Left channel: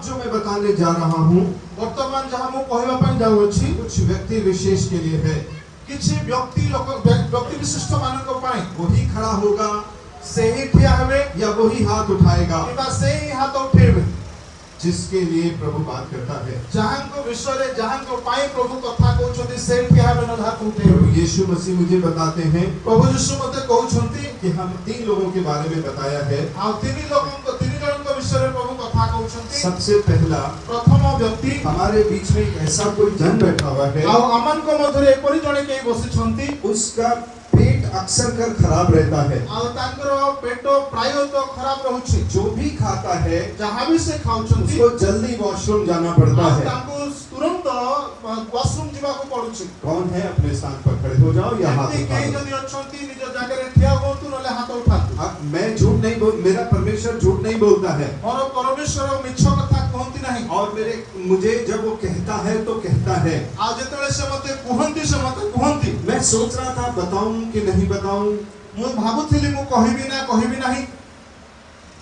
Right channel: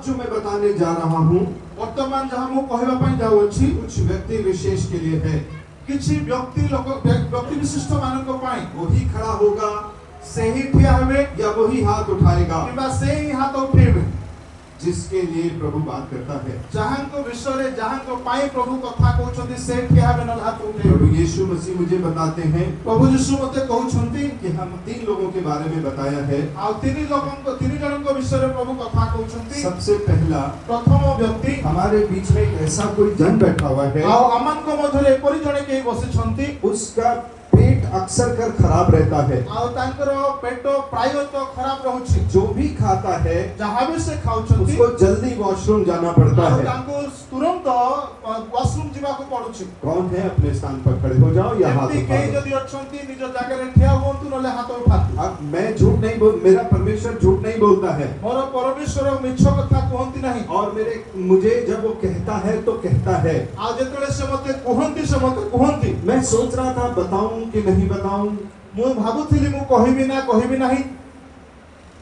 अब जो मैं बताने जा रहा हूँ वर्तमान जहाँ मु कहबा पई जाउछि कुछ व्यक्ति विशेष के लिए है। किछि व्यक्ति विशिष्ट मानक पई वही खड़ा होगा सेही ठिया हेबे या वही हाथ उठाएगा किबा सेही हाथ उठेबे जिसके लिए प्रभु बात करता है। जहाँ को विषय रे जहाँ को पाए प्रभु कथा कहउछथि से ठिया हेबे न हाथ उठेबे। प्रभु यीशु मसीह मुझे बताते हैं प्रभु यीशु मते कहउछथि कि हम 3 लोगों के बारे में बताया है। आ तीन जन को विषय रे प्रभु कथा कहउछथि। सबसे पहला प्रथम व्यक्ति हमारे बीच में ऐसा कोई जन बैठा हुआ है आ अमन को मधुरे एपरि जने के बसिछथि उसका पेट अक्सर कर खराब रहता है। आ तांकर पेट प्राय तो खराब रहउछि। जो भी खाता है जहाँ भी से खाउछथि उसको जल्दी वॉशरूम जाना पड़ता है। तांको तुरंत वॉशरूम जीवा को पड़ुछि। कौन है अपने स्थान पर खड़े हो जाओ या हाथ एमती उठा कई लो। जदि अछंती निज जागे रे ठिया होंतु नले हाथ उठातु। अब मैं झूठ नहीं बोल मेरा परमेश्वर झूठ नहीं बोलता है मोर परमेश्वर मिछ कथा कहंती नहीं और मुझे जब वो कहता है तो कहता है। आ जेतले से मते कहंती मैं सोच रहा था बताऊं कि नहीं बताऊं मु भाबुथिली मु कहिबी नाही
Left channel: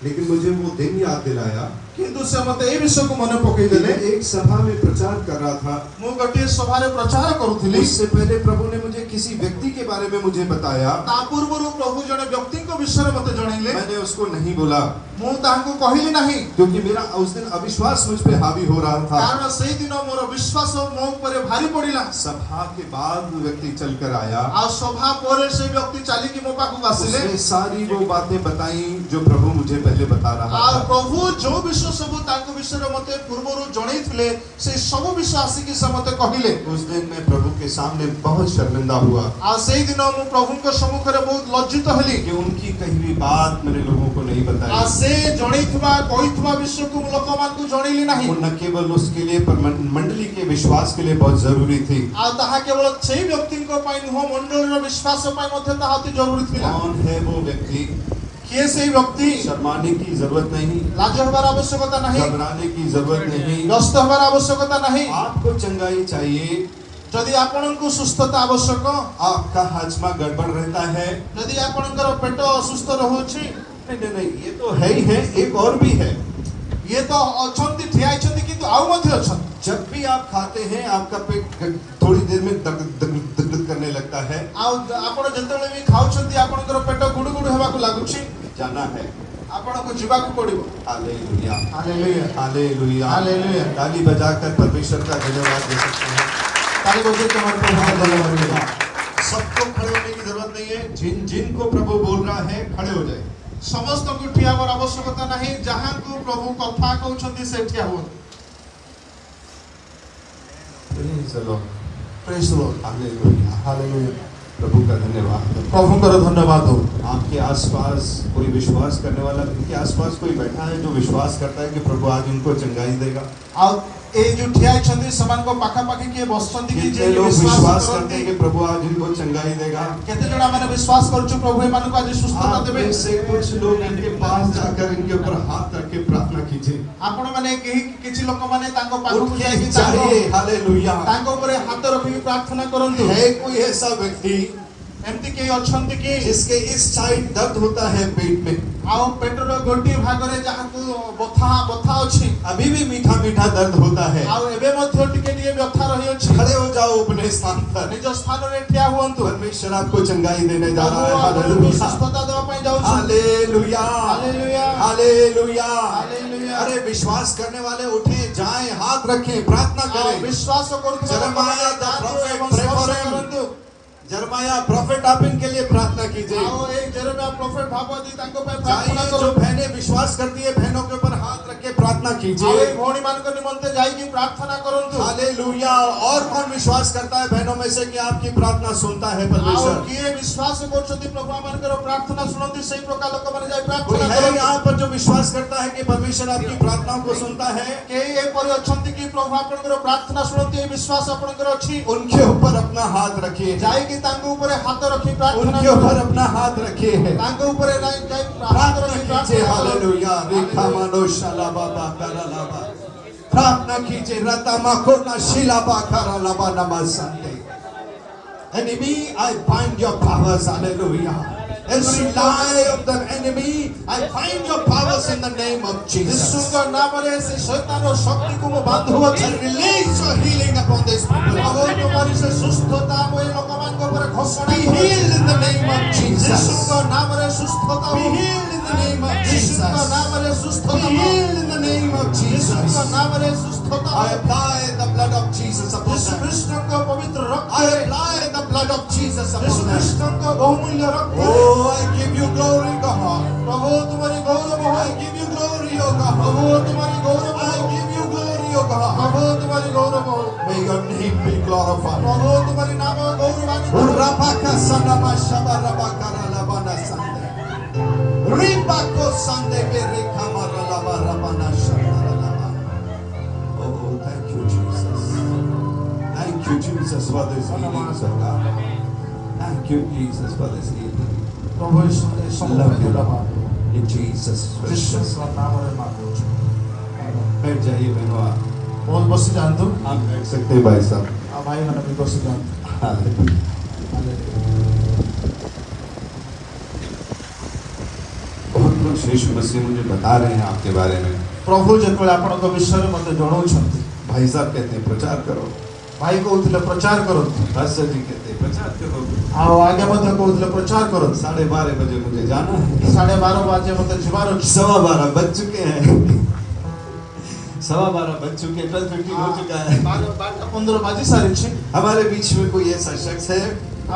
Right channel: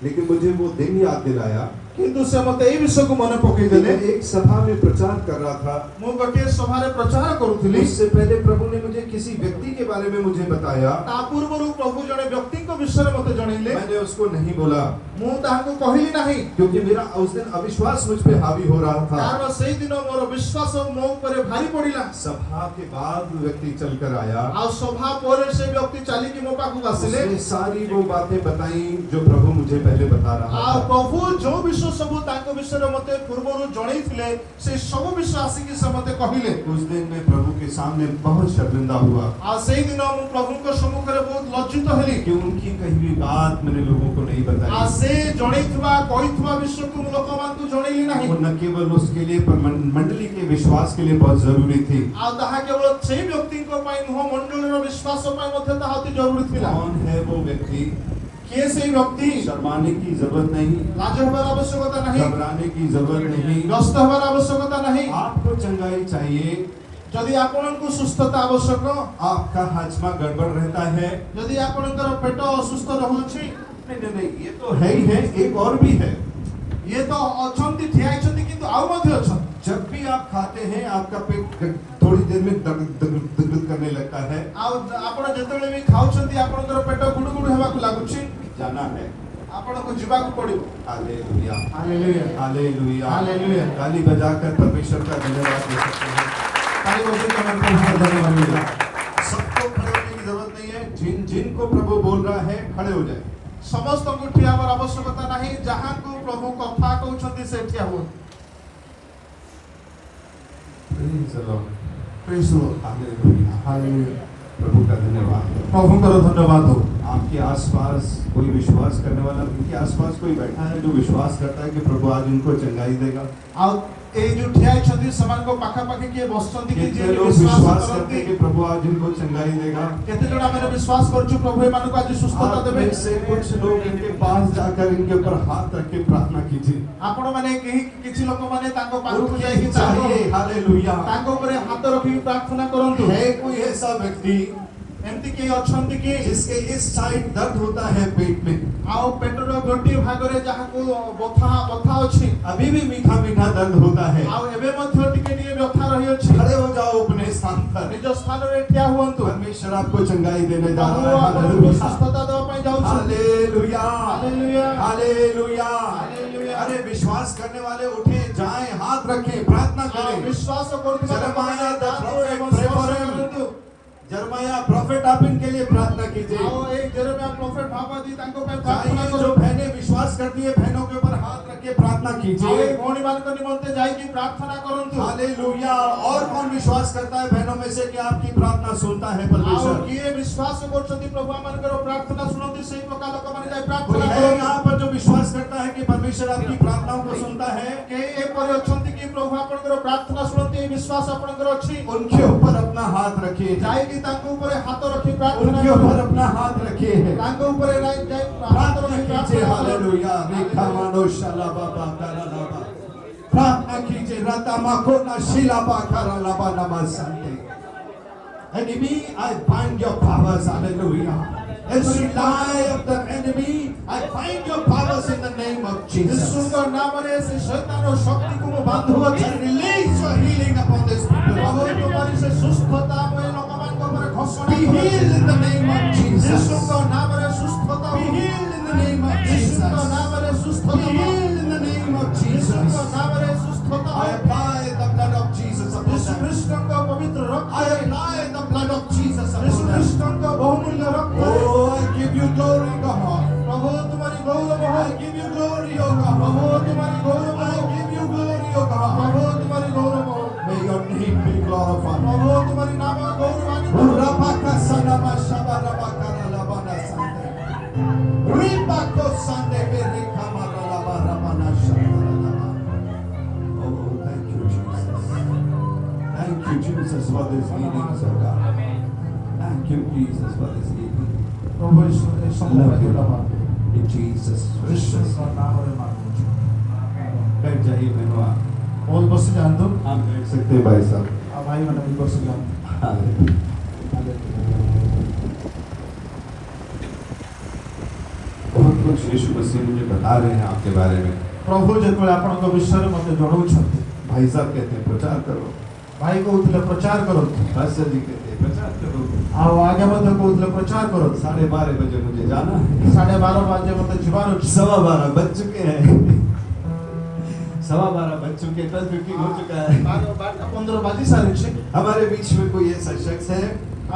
लेकिन मुझे वो दिन याद दिलाया किंतु से मते ए विषय को मन पकई कि देले। मैं एक सभा में प्रचार कर रहा था। मु गटे सभा रे प्रचार करूथिली। इससे पहले प्रभु ने मुझे किसी व्यक्ति के बारे में मुझे बताया। ता पूर्वरु प्रभु जने व्यक्ति को विषय मते जणैले। मैंने उसको नहीं बोला मु तांको कहिली नाही क्योंकि मेरा उस दिन अविश्वास मुझ पे हावी हो रहा था। कारण सेही दिन मोर विश्वास मो ऊपर भारी पड़िला। सभा के बाद व्यक्ति चलकर आया आ सभा परे से व्यक्ति चली कि मो पाखु आसिले। उसने सारी वो बातें बताई जो प्रभु मुझे पहले बता रहा आ था। प्रभु जो विषय सब तांको विषय रे मते पूर्वरु जणैथिले से सब विषय आसी कि से मते कहिले। उस दिन मैं प्रभु के सामने बहुत शर्मिंदा हुआ आ सेही दिन मु प्रभु के सम्मुख रे बहुत लज्जित हेली कि उनकी कही हुई बात मैंने लोगों को नहीं आ बताई। से जणैथबा कहिथबा विषय को लोक मान को जणैली नाही। वो न केवल उसके लिए पर मंडली के विश्वास के लिए बहुत जरूरी थी। आ ताहा केवल सेही व्यक्ति को पई न मंडली रो विश्वास पई मते ताहा अति जरूरी थिला। कौन है वो व्यक्ति? के सेही व्यक्ति? शर्माने की जरूरत नहीं, लाज होबार आवश्यकता नहीं, घबराने की जरूरत नहीं। व्यस्त होबार आवश्यकता नहीं। आपको चंगाई चाहिए, यदि आपनको सुस्थता आवश्यक, आपका हाजमा गड़बड़ रहता है, यदि आपनकर पेट असुस्थ रहउछि, नहीं ये तो है ही है, एक और भी है। ये तो अछंती ठिया छंती किंतु आउ मध्ये अछन। जब भी आप खाते हैं आपका पेट थोड़ी देर में दग करने लगता है। आउ आपण जेतले भी खाउ छंती आपनकर पेट गुडगुड हेबा को लागुछि। जाना है, आपनको जीवा को पड़िबो। Hallelujah hallelujah hallelujah hallelujah. ताली बजाकर परमेश्वर का धन्यवाद दे सकते हैं। ताली बजाकर तुम्हारे प्रभु का धन्यवाद देगा। सबको खड़े होने की जरूरत नहीं है, जिनको प्रभु बोल रहा है खड़े हो जाए। समस्त को ठिया होबार आवश्यकता नहीं, जहां को प्रभु कथा कहउछंती से ठिया हो। Praise the lord, praise the lord. Hallelujah hallelujah. प्रभु का धन्यवाद। प्रभु का धन्यवाद हो। आपके आसपास कोई विश्वास करने वाला, इनके आसपास कोई बैठा है जो विश्वास करता है कि प्रभु आज इनको चंगाई देगा। आ ए जो ठिया छंती समान को पाखा पाखी के बसचंती कि कितने जे लोग विश्वास करते हैं कि प्रभु आज इनको चंगाई देगा। केते जणा मेरे विश्वास करछु प्रभु ए मानको आज सुस्थता देबे। आप में से कुछ लोग इनके पास जाकर इनके ऊपर हाथ रख के प्रार्थना कीजिए। आपण माने किछि लोक माने तांको पाखु उनके जाय कि चाहिए, हालेलुया। तांको ऊपर हाथ रखि प्रार्थना करंतु। है कोई ऐसा व्यक्ति एमती के अछंती कि जिसके इस साइड दर्द होता है पेट में, आउ पेटर गोटी भागरे जहा को बथा अछि, अभी भी मीठा मीठा दर्द होता है, आउ एबे मध्ये टिके टिके व्यथा रही अछि, खड़े हो जाओ अपने स्थान पर। निज स्थान रे ठिया हुअन्तु। परमेश्वर आपको चंगाई देने जा रहा है। हालेलुया। सुस्थता देवा पई जाउ छु। Hallelujah hallelujah hallelujah hallelujah. अरे विश्वास करने वाले उठे, जाएं, हाथ रखें, प्रार्थना करें। विश्वास करथु Jeremiah the prophet, pray for him। Jeremiah prophet आप इनके लिए प्रार्थना कीजिए। आओ एक जेरेमिया प्रोफेट भागवती तांको पे प्रार्थना जाइए, करो। जो बहनें विश्वास करती है बहनों के ऊपर हाथ रख के प्रार्थना कीजिए। आवे भौणी मान को निमंत्रण जाई की प्रार्थना करंतु। हालेलुया। और कौन विश्वास करता है बहनों में से कि आपकी प्रार्थना सुनता है आओ परमेश्वर? किए विश्वास करछथि प्रभु मान को प्रार्थना सुनंती सही प्रकार लोक माने जाई कोई प्रार्थना है करो। यहाँ पर जो विश्वास करता है कि परमेश्वर आपकी प्रार्थनाओं को सुनता है? के ए पर अछंती की प्रभु आपन को प्रार्थना सुनंती विश्वास आपन को अछि। उनके ऊपर अपना हाथ रखिए, जाई की तांको ऊपर हाथ रखी प्रार्थना उनके ऊपर अपना हाथ रखिए, तांको ऊपर जाई हाथ प्रार्थना रखी कीजिए। प्रार्थना हालेलुया। रेखा मानो शालाबा बाकारा लाबा, प्रार्थना कीजिए। रता माकोना शिलाबा कारा लाबा नमस्ते। Enemy, I bind your powers. Hallelujah. Every lie of the enemy, I find your powers in the name of Jesus. ଯୀଶୁଙ୍କ ନାମରେ ସେ ଶୈତାନର ଶକ୍ତିକୁ ମୁଁ ବାନ୍ଧୁଅଛି। I release your healing upon this people. ପ୍ରଭୁ ତୁମରି ସେ ସୁସ୍ଥତା ମୁଁ ଏ ଲୋକମାନଙ୍କ ଉପରେ ଘୋଷଣା Be healed in the name of Jesus. ଯୀଶୁଙ୍କ ନାମରେ ସୁସ୍ଥତା Be healed in the name of ଯୀଶୁଙ୍କ Jesus. ନାମରେ Be ସୁସ୍ଥତା healed in the name of ଯୀଶୁଙ୍କ Jesus. ନାମରେ ସୁସ୍ଥତା I apply the blood of Jesus upon ଯୀଶୁ them. ଖ୍ରୀଷ୍ଟଙ୍କ ପବିତ୍ର I ରକ୍ତରେ apply the blood of Jesus ଯୀଶୁ upon them. ଖ୍ରୀଷ୍ଟଙ୍କ ବହୁମୂଲ୍ୟ ରକ୍ତରେ Oh, I give you glory, God. ପ୍ରଭୁ ତୁମରି ଗୌରବ I ହଉ give you glory, oh God. ପ୍ରଭୁ ତୁମରି ଗୌରବ I ହଉ give you glory, oh God. ପ୍ରଭୁ ତୁମରି ଗୌରବ ହଉ May your name be glorified. ପ୍ରଭୁ ତୁମରି ନାମ ଗୌରବାନ୍ୱିତ ହଉ। Rapaka sanama shabarabakara labana sande. Ripako sande bere kamara labarabana shabaralaba. Oh, thank you, Jesus. Thank you, Jesus, for this healing, oh God. Thank you, Jesus, for this healing. ପ୍ରଭୁ ଯୀଶୁ ଏ ସବୁ Love ପାଇଁ you, ଧନ୍ୟବାଦ। in Jesus' precious ଯୀଶୁଙ୍କ ନାମରେ ମାଗୁଛୁ। बैठ जाइए बहनों आप। ବହୁତ ବସି ଯାଆନ୍ତୁ आप बैठ सकते हैं भाई साहब। ଆଉ ଭାଇମାନେ ବି ବସି ଯାଆନ୍ତୁ। हालेलुया। बहुत कुछ यीशु मसीह मुझे बता रहे हैं आपके बारे में। ପ୍ରଭୁ ଯେତେବେଳେ ଆପଣଙ୍କ ବିଷୟରେ ମୋତେ ଜଣାଉଛନ୍ତି भाई साहब कहते हैं प्रचार करो। ଭାଇ କହୁଥିଲେ ପ୍ରଚାର କରନ୍ତୁ पास्टर जी कहते हैं प्रचार करो। ଆଉ ଆଗେ ମଧ୍ୟ କହୁଥିଲେ ପ୍ରଚାର କରନ୍ତୁ। 12:30 बजे मुझे जाना है। 12:30 ବାଜେ ମୋତେ ଯିବାର ଅଛି। 12:15 बज चुके हैं। 12:15 बज चुके हैं। 12:15 हो चुका है। 12:15 ବାଜି ସାରିଛି। हमारे बीच में कोई ऐसा शख्स है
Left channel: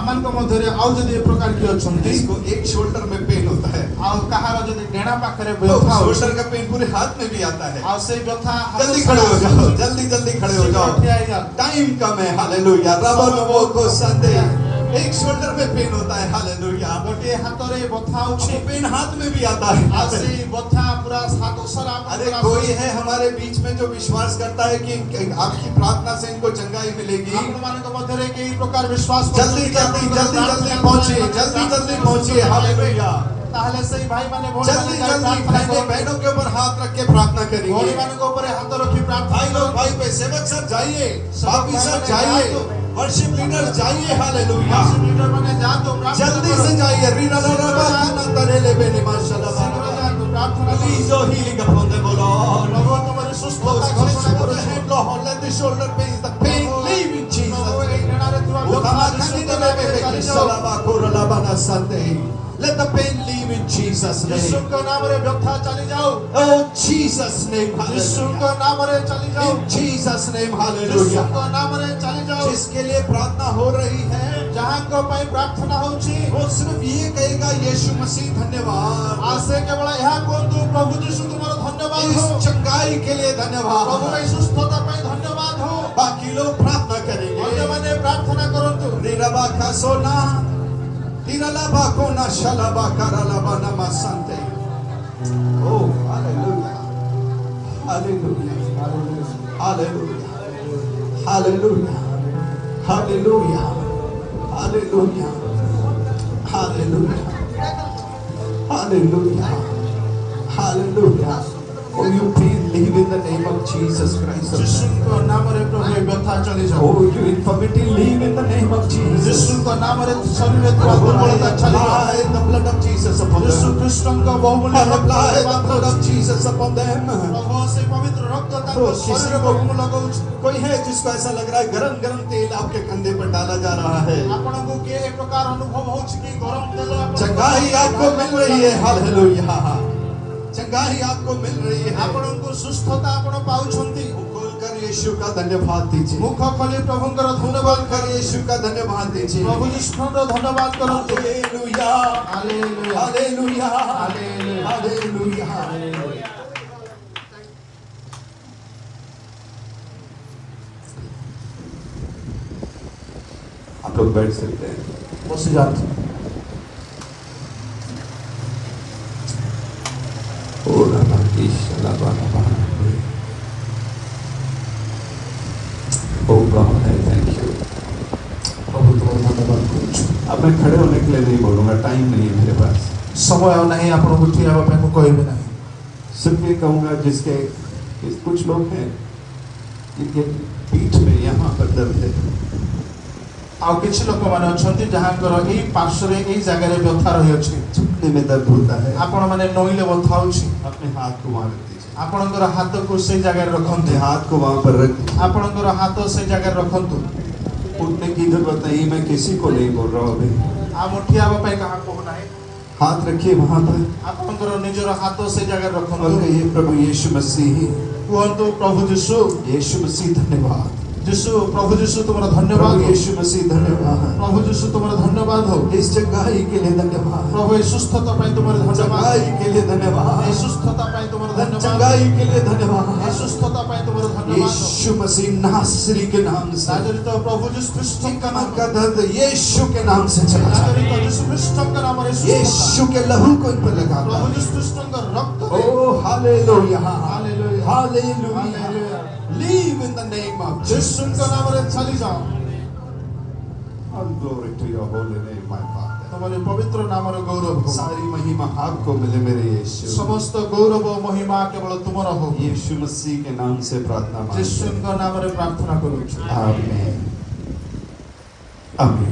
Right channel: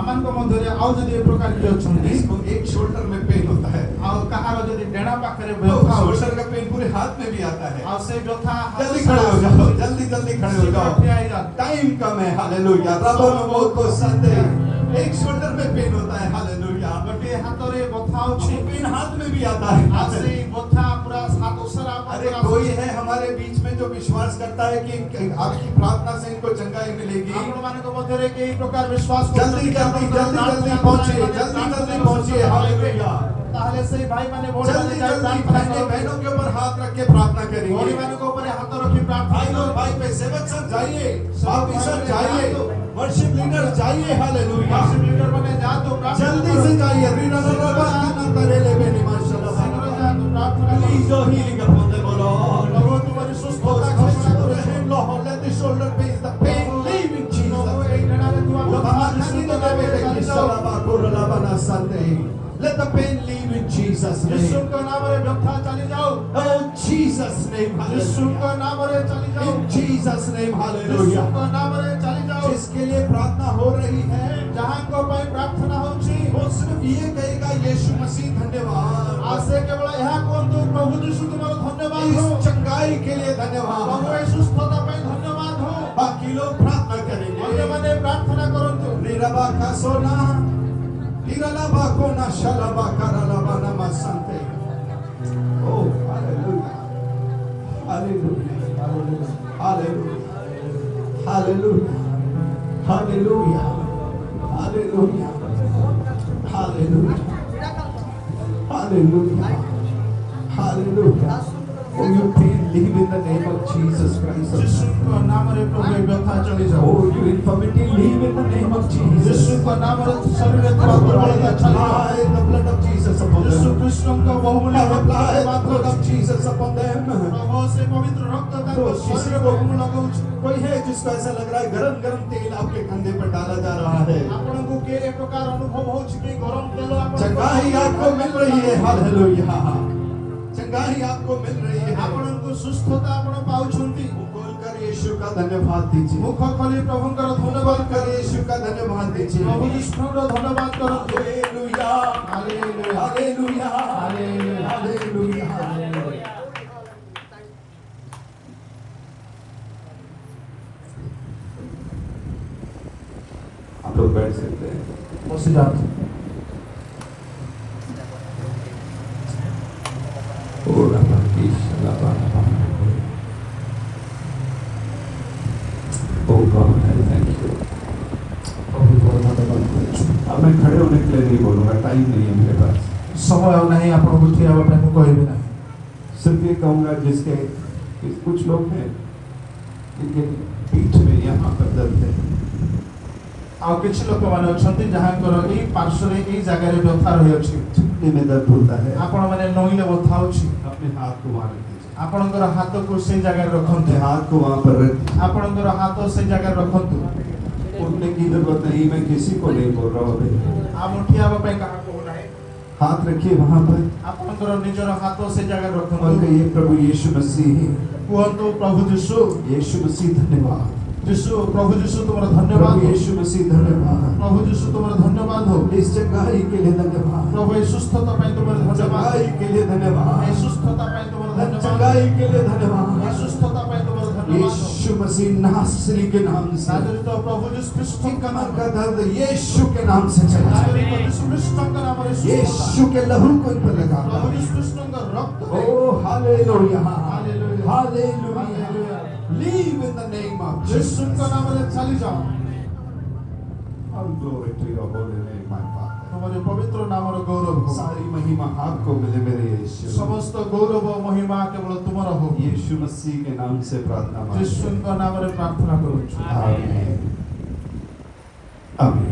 ଆମମାନଙ୍କ ମଧ୍ୟରେ ଆଉ ଯଦି ଏ ପ୍ରକାର କିଏ ଅଛନ୍ତି जिसको एक शोल्डर में पेन होता है। ଆଉ କାହାର ଯଦି ଡେଣା ପାଖରେ तो ବ୍ୟଥା ହେଉଛି शोल्डर का पेन पूरे हाथ में भी आता है। ଆଉ ସେଇ ବ୍ୟଥା जल्दी खड़े हो जाओ। जल्दी जल्दी खड़े हो जाओ। ଠିଆ ହେଇଯାଆନ୍ତୁ। टाइम कम है। हालेलुया। रबो नबो को संदे। एक शोल्डर में पेन होता है। हालेलुया। ଗୋଟିଏ ହାତରେ ବଥା वो ହେଉଛି पेन हाथ में भी आता ଆଉ है। ସେଇ ବଥା ପୁରା ହାତ ସାରା अरे कोई है हमारे बीच में जो विश्वास करता है कि आपकी प्रार्थना से इनको चंगाई मिलेगी। ଆପଣମାନଙ୍କ ମଧ୍ୟରେ କେହି ପ୍ରକାର ବିଶ୍ୱାସ जल्दी जल्दी जल्दी जल्दी पहुंचिए। जल्दी जल्दी पहुंचिए। हालेलुया। ତାହେଲେ ସେଇ ଭାଇମାନେ जल्दी जल्दी बहनों बहनों के ऊपर हाथ रख के प्रार्थना करिए। ଭଉଣୀମାନଙ୍କ ଉପରେ ହାତ ରଖି ପ୍ରାର୍ଥନା भाई लोग भाई पे सेवक सर जाइए। बापी सर जाइए। वर्शिप लीडर जाइए। हालेलुया। ମାନେ ଯାଆନ୍ତୁ जल्दी से जाइए। रीना रबा खाना तरेले बेने माशाल्लाह। Release your healing upon them, O Lord. ପ୍ରଭୁ ତୁମରି ସୁସ୍ଥତା Put your hand, Lord. Let the shoulder pain, the pain leave in Jesus' name. Let the pain leave in Jesus' name. ଯୀଶୁଙ୍କ ନାମରେ ବ୍ୟଥା ଚାଲି ଯାଉ Oh, Jesus' name. ଯୀଶୁଙ୍କ Hallelujah. ନାମରେ ଚାଲି ଯାଉ In Jesus' name. Hallelujah. ଯୀଶୁଙ୍କ ନାମରେ ଚାଲି ଯାଉ जिसके लिए प्रार्थना हो रही है ଯାହାଙ୍କ ପାଇଁ ପ୍ରାର୍ଥନା ହେଉଛି वो सिर्फ ये कहेगा यीशु मसीह धन्यवाद। ଆଉ ସେ କେବଳ ଏହା କୁହନ୍ତୁ ପ୍ରଭୁ ଯୀଶୁ ତୁମର ଧନ୍ୟବାଦ इस ହଉ चंगाई के लिए ପ୍ରଭୁ धन्यवाद। ଏ ସୁସ୍ଥତା ପାଇଁ ଧନ୍ୟବାଦ ହଉ बाकी लोग प्रार्थना करेंगे। ଅନ୍ୟମାନେ ପ୍ରାର୍ଥନା କରନ୍ତୁ Riraba kasona, tiralaba kona shalaba karalaba namasante. Oh, hallelujah. Hallelujah. Hallelujah. Hallelujah. Hallelujah. Hallelujah. Hallelujah. Hallelujah. Hallelujah. Oh, you pain leave in the name of Jesus Christ. ଯୀଶୁଙ୍କ ନାମରେ ପ୍ରଭୁ ଏ ବ୍ୟଥା ଚାଲି ଯାଉ Oh, you infirmity leave in the name of Jesus. ଯୀଶୁଙ୍କ ନାମରେ ଶରୀରରେ ଥିବା ଦୁର୍ବଳତା ଚାଲି ଯାଉ Apply the blood of Jesus upon ଯୀଶୁ them. ଖ୍ରୀଷ୍ଟଙ୍କ ବହୁମୂଲ୍ୟ Apply the ରକ୍ତ blood of Jesus upon them. ପ୍ରଭୁ ସେ ପବିତ୍ର ରକ୍ତ ତାଙ୍କ ଶରୀରରେ ମୁଁ ଲଗାଉଛି कोई है जिसको ऐसा लग रहा है गरम गरम तेल आपके कंधे पर डाला जा रहा है। ଆପଣଙ୍କୁ କିଏ ଏ ପ୍ରକାର ଅନୁଭବ ହେଉଛି କି ଗରମ ତେଲ चंगाई आपको मिल रही है। हालेलुया। चंगाई आपको मिल रही है। ଆପଣଙ୍କୁ ସୁସ୍ଥତା ଆପଣ ପାଉଛନ୍ତି खोलकर यीशु का धन्यवाद दीजिए। ମୁଖ ଖୋଲି ପ୍ରଭୁଙ୍କର ଧନ୍ୟବାଦ खोलकर यीशु का धन्यवाद दीजिए। ପ୍ରଭୁ ଯୀଶୁଙ୍କର ଧନ୍ୟବାଦ କରନ୍ତୁ hallelujah. Hallelujah hallelujah. Hallelujah hallelujah. आप लोग बैठ सकते हैं। ବସି ଯାଆନ୍ତୁ ओ रबा ईश्वरा बाबा। ओ बाबा थैंक यू। ପ୍ରଭୁ ତୁମର ଧନ୍ୟବାଦ କରୁଛୁ अब मैं खड़े होने के लिए नहीं बोलूंगा, टाइम नहीं है मेरे पास। ସମୟ ଆଉ ନାହିଁ ଆପଣଙ୍କୁ ଠିଆ ହେବା ପାଇଁ ମୁଁ କହିବି ନାହିଁ सिर्फ ये कहूंगा जिसके कुछ लोग हैं इनके पीठ में यहाँ पर दर्द है। ଆଉ କିଛି ଲୋକମାନେ ଅଛନ୍ତି ଯାହାଙ୍କର ଏଇ ପାର୍ଶ୍ୱରେ ଏଇ ଜାଗାରେ ବ୍ୟଥା ରହିଅଛି झुकने में दर्द होता है ଆପଣ ମାନେ ନଇଲେ ବଥା ହେଉଛି अपने हाथ को वहां रख दीजिए ଆପଣଙ୍କର ହାତକୁ ସେଇ ଜାଗାରେ अपने ରଖନ୍ତୁ हाथ को वहां पर रख दीजिए ଆପଣଙ୍କର ହାତ ସେଇ ଜାଗାରେ ରଖନ୍ତୁ उठने की जरूरत नहीं मैं किसी को नहीं बोल रहा हूँ अभी ଆମ ଠିଆ ହେବା ପାଇଁ କାହାକୁ କହୁନାହିଁ हाथ रखिए वहां पर ଆପଣଙ୍କର ନିଜର ହାତ ସେଇ ଜାଗାରେ और ରଖନ୍ତୁ कहिए प्रभु यीशु मसीह କୁହନ୍ତୁ ପ୍ରଭୁ ଯୀଶୁ यीशु मसीह धन्यवाद ଯୀଶୁ ପ୍ରଭୁ ଯୀଶୁ ତୁମର प्रभु ଧନ୍ୟବାଦ ହଉ। यीशु मसीह धन्यवाद ପ୍ରଭୁ ଯୀଶୁ ତୁମର ଧନ୍ୟବାଦ ହଉ इस जगाई के लिए धन्यवाद ପ୍ରଭୁ ଏ ସୁସ୍ଥତା ପାଇଁ ତୁମର ଧନ୍ୟବାଦ जगाई के लिए धन्यवाद ଏ ସୁସ୍ଥତା ପାଇଁ ତୁମର ଧନ୍ୟବାଦ जगाई के लिए ଏ धन्यवाद ସୁସ୍ଥତା ପାଇଁ ତୁମର ଧନ୍ୟବାଦ ହଉ। यीशु मसीह नासरी के नाम से ନାଜରିତ ପ୍ରଭୁ ଯୀଶୁ ଖ୍ରୀଷ୍ଟଙ୍କ कमर ନାମ का दर्द यीशु के नाम से चला जाए ନାଜରିତ ଯୀଶୁ ଖ୍ରୀଷ୍ଟଙ୍କ ନାମରେ ସୁସ୍ଥତା यीशु के लहू को इन पर लगा ପ୍ରଭୁ ଯୀଶୁ ଖ୍ରୀଷ୍ଟଙ୍କ ରକ୍ତରେ ओ hallelujah Hallelujah. Hallelujah Hallelujah. Leave in the name of ଯୀଶୁଙ୍କ जीसस ନାମରେ ଚାଲିଯାଅ all glory to your holy name my father ତମର ପବିତ୍ର ନାମର ଗୌରବ ହଉ। सारी महिमा आपको मिले मेरे यीशु ସମସ୍ତ ଗୌରବ ଓ ମହିମା କେବଳ ତୁମର ହଉ यीशु मसीह के नाम से प्रार्थना मांगते हैं। ଯୀଶୁଙ୍କ ନାମରେ ପ୍ରାର୍ଥନା କରୁଛୁ आमीन आमीन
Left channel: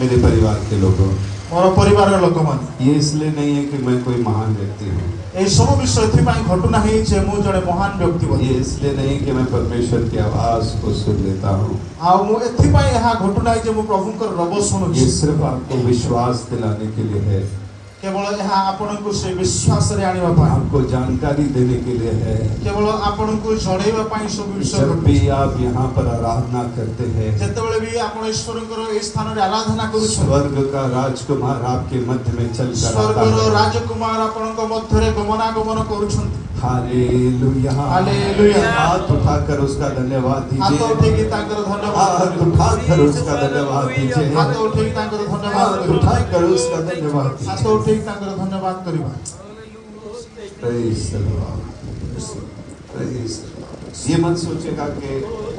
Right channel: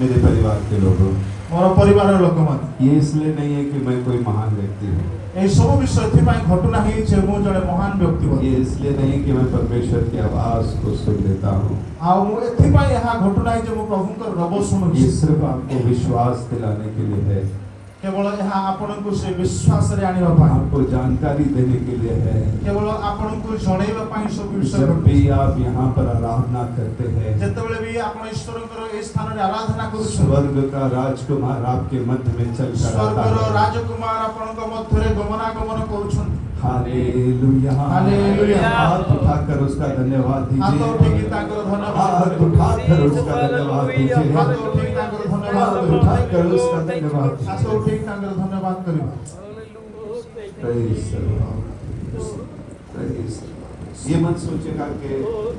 मेरे परिवार के लोगों ମୋର ପରିବାରର ଲୋକମାନେ ये इसलिए नहीं है कि मैं कोई महान व्यक्ति हूँ এই ସବୁ ବିଷୟ ଏଥିପାଇଁ ଘଟୁନାହିଁ ଯେ ମୁଁ ଜଣେ ମହାନ ବ୍ୟକ୍ତି ବୋଲି ये इसलिए नहीं कि मैं परमेश्वर की आवाज को सुन लेता हूँ ଆଉ ମୁଁ ଏଥିପାଇଁ ଏହା ଘଟୁନାହିଁ ଯେ ମୁଁ ପ୍ରଭୁଙ୍କର ରବ ଶୁଣୁଛି ये सिर्फ आपको विश्वास दिलाने के लिए है କେବଳ ଏହା ଆପଣଙ୍କୁ ସେ ବିଶ୍ୱାସରେ ଆଣିବା ପାଇଁ आपको जानकारी देने के लिए है କେବଳ ଆପଣଙ୍କୁ ଜଣେଇବା ପାଇଁ ସବୁ ବିଷୟ जब ଘଟୁଛି। भी आप यहाँ पर आराधना करते हैं ଯେତେବେଳେ ବି ଆପଣ ଈଶ୍ୱରଙ୍କର ଏହି ସ୍ଥାନରେ ଆରାଧନା କରୁଛନ୍ତି स्वर्ग का राजकुमार आपके मध्य में चल कर आता ସ୍ୱର୍ଗର है ରାଜକୁମାର ଆପଣଙ୍କ ମଧ୍ୟରେ ଗମନାଗମନ କରୁଛନ୍ତି हालेलुया हालेलुया। हाथ उठाकर उसका धन्यवाद ହାତ दीजिए ଉଠେଇକି ତାଙ୍କର ଧନ୍ୟବାଦ हाथ କରନ୍ତୁ। उठाकर उसका धन्यवाद दीजिए ହାତ ଉଠେଇକି ତାଙ୍କର ଧନ୍ୟବାଦ हाथ କରିବ। उठाकर उसका धन्यवाद ହାତ दीजिए ଉଠେଇକି ତାଙ୍କର ଧନ୍ୟବାଦ କରିବା Praise the Lord. Praise the Lord. ये मत सोचेगा कि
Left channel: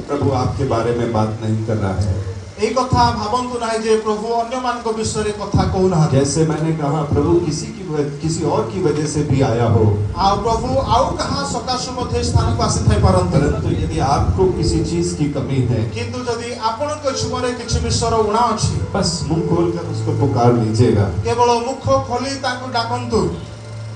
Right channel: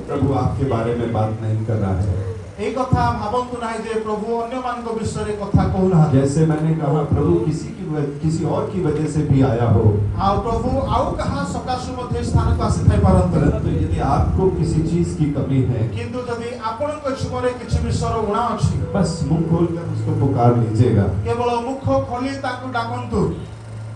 प्रभु आपके बारे में बात नहीं कर रहा है এই କଥା ଭାବନ୍ତୁ ନାହିଁ ଯେ ପ୍ରଭୁ ଅନ୍ୟମାନଙ୍କ ବିଷୟରେ କଥା କହୁନାହାନ୍ତି जैसे मैंने कहा प्रभु किसी और की वजह से भी आया हो ଆଉ ପ୍ରଭୁ ଆଉ କାହା ସକାଶୁ ମଧ୍ୟ ଏ ସ୍ଥାନକୁ ଆସିଥାଇ ପାରନ୍ତି परंतु यदि आपको किसी चीज की कमी है କିନ୍ତୁ ଯଦି ଆପଣଙ୍କ ଜୀବନରେ କିଛି ବିଷୟର ଉଣା ଅଛି बस मुंह खोलकर उसको पुकार लीजिएगा କେବଳ ମୁଖ ଖୋଲି ତାଙ୍କୁ ଡାକନ୍ତୁ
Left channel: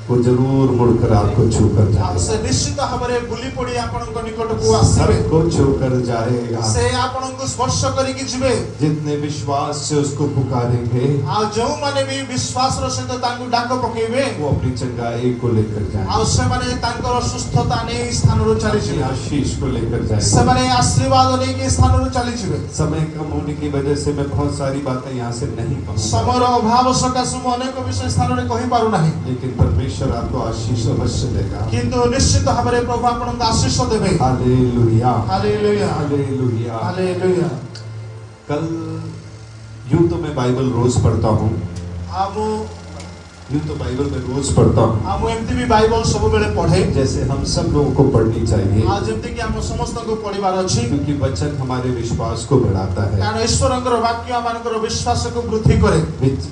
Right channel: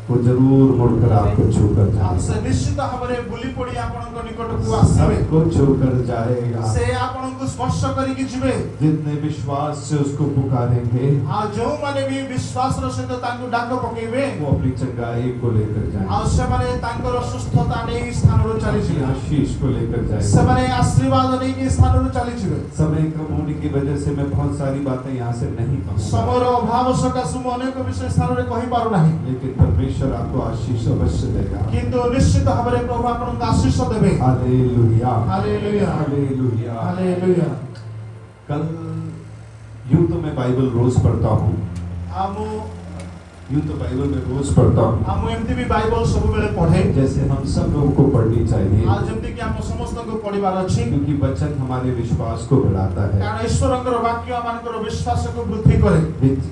वो जरूर मुड़कर आपको छू कर ଆଉ जाएगा ସେ ନିଶ୍ଚିତ ଭାବରେ ବୁଲି ପଡ଼ି ଆପଣଙ୍କ ନିକଟକୁ ଆସିବେ सबको छू कर जाएगा ସେ ଆପଣଙ୍କୁ ସ୍ପର୍ଶ କରିକି ଯିବେ जितने विश्वास से उसको पुकारेंगे ଆଉ ଯେଉଁମାନେ ବି ବିଶ୍ୱାସର ସହିତ ତାଙ୍କୁ ଡାକ ପକେଇବେ वो अपनी चंगाई को लेकर ଆଉ जाएंगे ସେମାନେ ତାଙ୍କର ସୁସ୍ଥତା ନେଇ ସ୍ଥାନରୁ अपनी ଚାଲିଯିବେ आशीष को लेकर जाएंगे ସେମାନେ ଆଶୀର୍ବାଦ ନେଇକି ସ୍ଥାନରୁ ଚାଲିଯିବେ समय कम होने की वजह से मैं बहुत सारी बातें यहाँ से नहीं कहूँगा ସମୟର ଅଭାବ ସକାଶୁ ମୁଁ ଅନେକ ବିଷୟ ସ୍ଥାନରେ କହିପାରୁନାହିଁ लेकिन परमेश्वर आपको आशीष अवश्य देगा କିନ୍ତୁ ନିଶ୍ଚିତ ଭାବରେ ପ୍ରଭୁ ଆପଣଙ୍କୁ ଆଶୀଷ ଦେବେ हालेलुया ହାଲେଲୁୟା हालेलुया ହାଲେଲୁୟା कल यूं तो मैं बाइबल रोज पढ़ता हूँ ଆଉ ମୁଁ यूं तो बाइबल में रोज पढ़ता हूँ ଆଉ ମୁଁ ଏମିତି ବି ବାଇବଲ ସବୁବେଳେ ପଢେ जैसे हम सब लोगों को पढ़नी चाहिए ଆଉ ଯେମିତି କି ଆମ ସମସ୍ତଙ୍କୁ ପଢିବାର ଅଛି क्योंकि वचन हमारे विश्वास को बढ़ाता है କାରଣ ଈଶ୍ୱରଙ୍କର ବାକ୍ୟ ଆମମାନଙ୍କର ବିଶ୍ୱାସକୁ ବୃଦ୍ଧି କରେ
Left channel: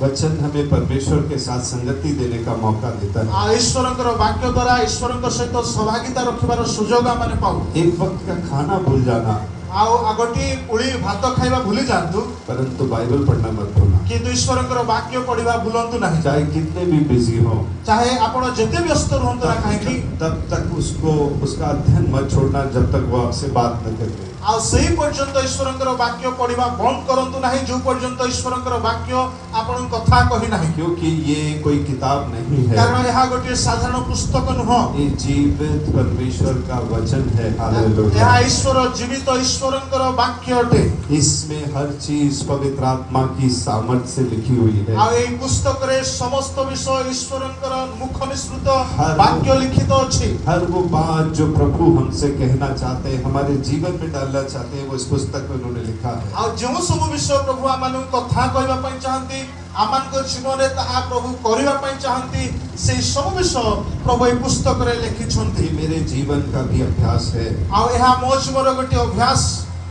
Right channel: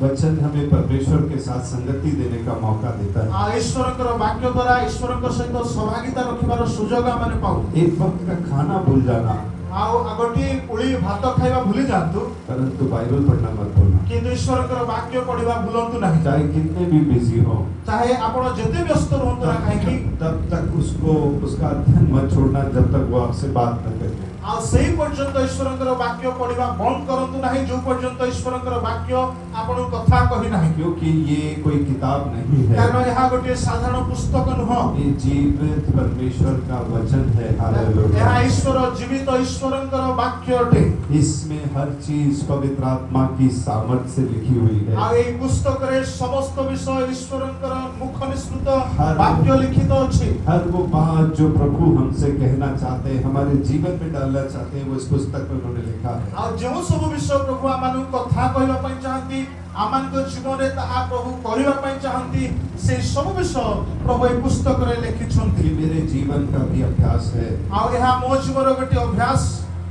वचन हमें परमेश्वर के साथ संगति देने का मौका देता है ଆଉ ଈଶ୍ୱରଙ୍କର ବାକ୍ୟ ଦ୍ୱାରା ଈଶ୍ୱରଙ୍କ ସହିତ ସହଭାଗିତା ରଖିବାର ସୁଯୋଗ ଆମେ ପାଉ एक वक्त का खाना भूल जाना ଆଉ ଗୋଟିଏ ଉଳି ଭାତ ଖାଇବା ଭୁଲି ଯାଆନ୍ତୁ परंतु बाइबल पढ़ना मत भूलना କିନ୍ତୁ ଈଶ୍ୱରଙ୍କର ବାକ୍ୟ ପଢିବା ଭୁଲନ୍ତୁ ନାହିଁ चाहे कितने भी बिजी हो ଚାहे ଆପଣ ଯେତେ ବ୍ୟସ୍ତ ରୁହନ୍ତୁ ନା କାହିଁକି तब तक उसको उसका अध्ययन मत छोड़ना जब तक वो आपसे बात न करे ଆଉ ସେଇ ପର୍ଯ୍ୟନ୍ତ ଈଶ୍ୱରଙ୍କର ବାକ୍ୟ ପଢିବା ବନ୍ଦ କରନ୍ତୁ ନାହିଁ ଯୋଉ ପର୍ଯ୍ୟନ୍ତ ଈଶ୍ୱରଙ୍କର ବାକ୍ୟ ଆପଣଙ୍କୁ କଥା କହି ନାହିଁ क्योंकि ये कोई किताब नहीं है କାରଣ ଏହା ଗୋଟିଏ ସାଧାରଣ ପୁସ୍ତକ ନୁହଁ ये जीवित परमेश्वर का वचन है ଏହା हालेलुया ଈଶ୍ୱର ଜୀବିତ ଈଶ୍ୱରଙ୍କର ବାକ୍ୟ ଅଟେ इसमें हर चीज पवित्र आत्मा की सामर्थ से लिखी हुई है ଆଉ ଏହି ପୁସ୍ତକରେ ସମସ୍ତ ବିଷୟ ଈଶ୍ୱରଙ୍କର ମୁଖ ନିସୃତ ହର- ବାକ୍ୟ ଲିଖିତ ଅଛି हर वो बात जो प्रभु हमसे कहना चाहते हैं हमारे जीवन में डालना चाहते हैं वो इस पुस्तक में उन्होंने लिखा है ଆଉ ଯେଉଁ ସବୁ ବିଷୟ ପ୍ରଭୁ ଆମମାନଙ୍କୁ କଥା କହିବା ପାଇଁ ଚାହାନ୍ତି ଆମମାନଙ୍କ ଜୀବନରେ ତାହା ପ୍ରଭୁ କରିବା ପାଇଁ ଚାହାନ୍ତି ସେଇ ସବୁ ବିଷୟ ପ୍ରଭୁ ଏହି ପୁସ୍ତକରେ ଲେଖିଛନ୍ତି ये मेरे जीवन का भी अभ्यास है ଆଉ ଏହା ମୋ ଜୀବନର ଗୋଟିଏ ଅଭ୍ୟାସ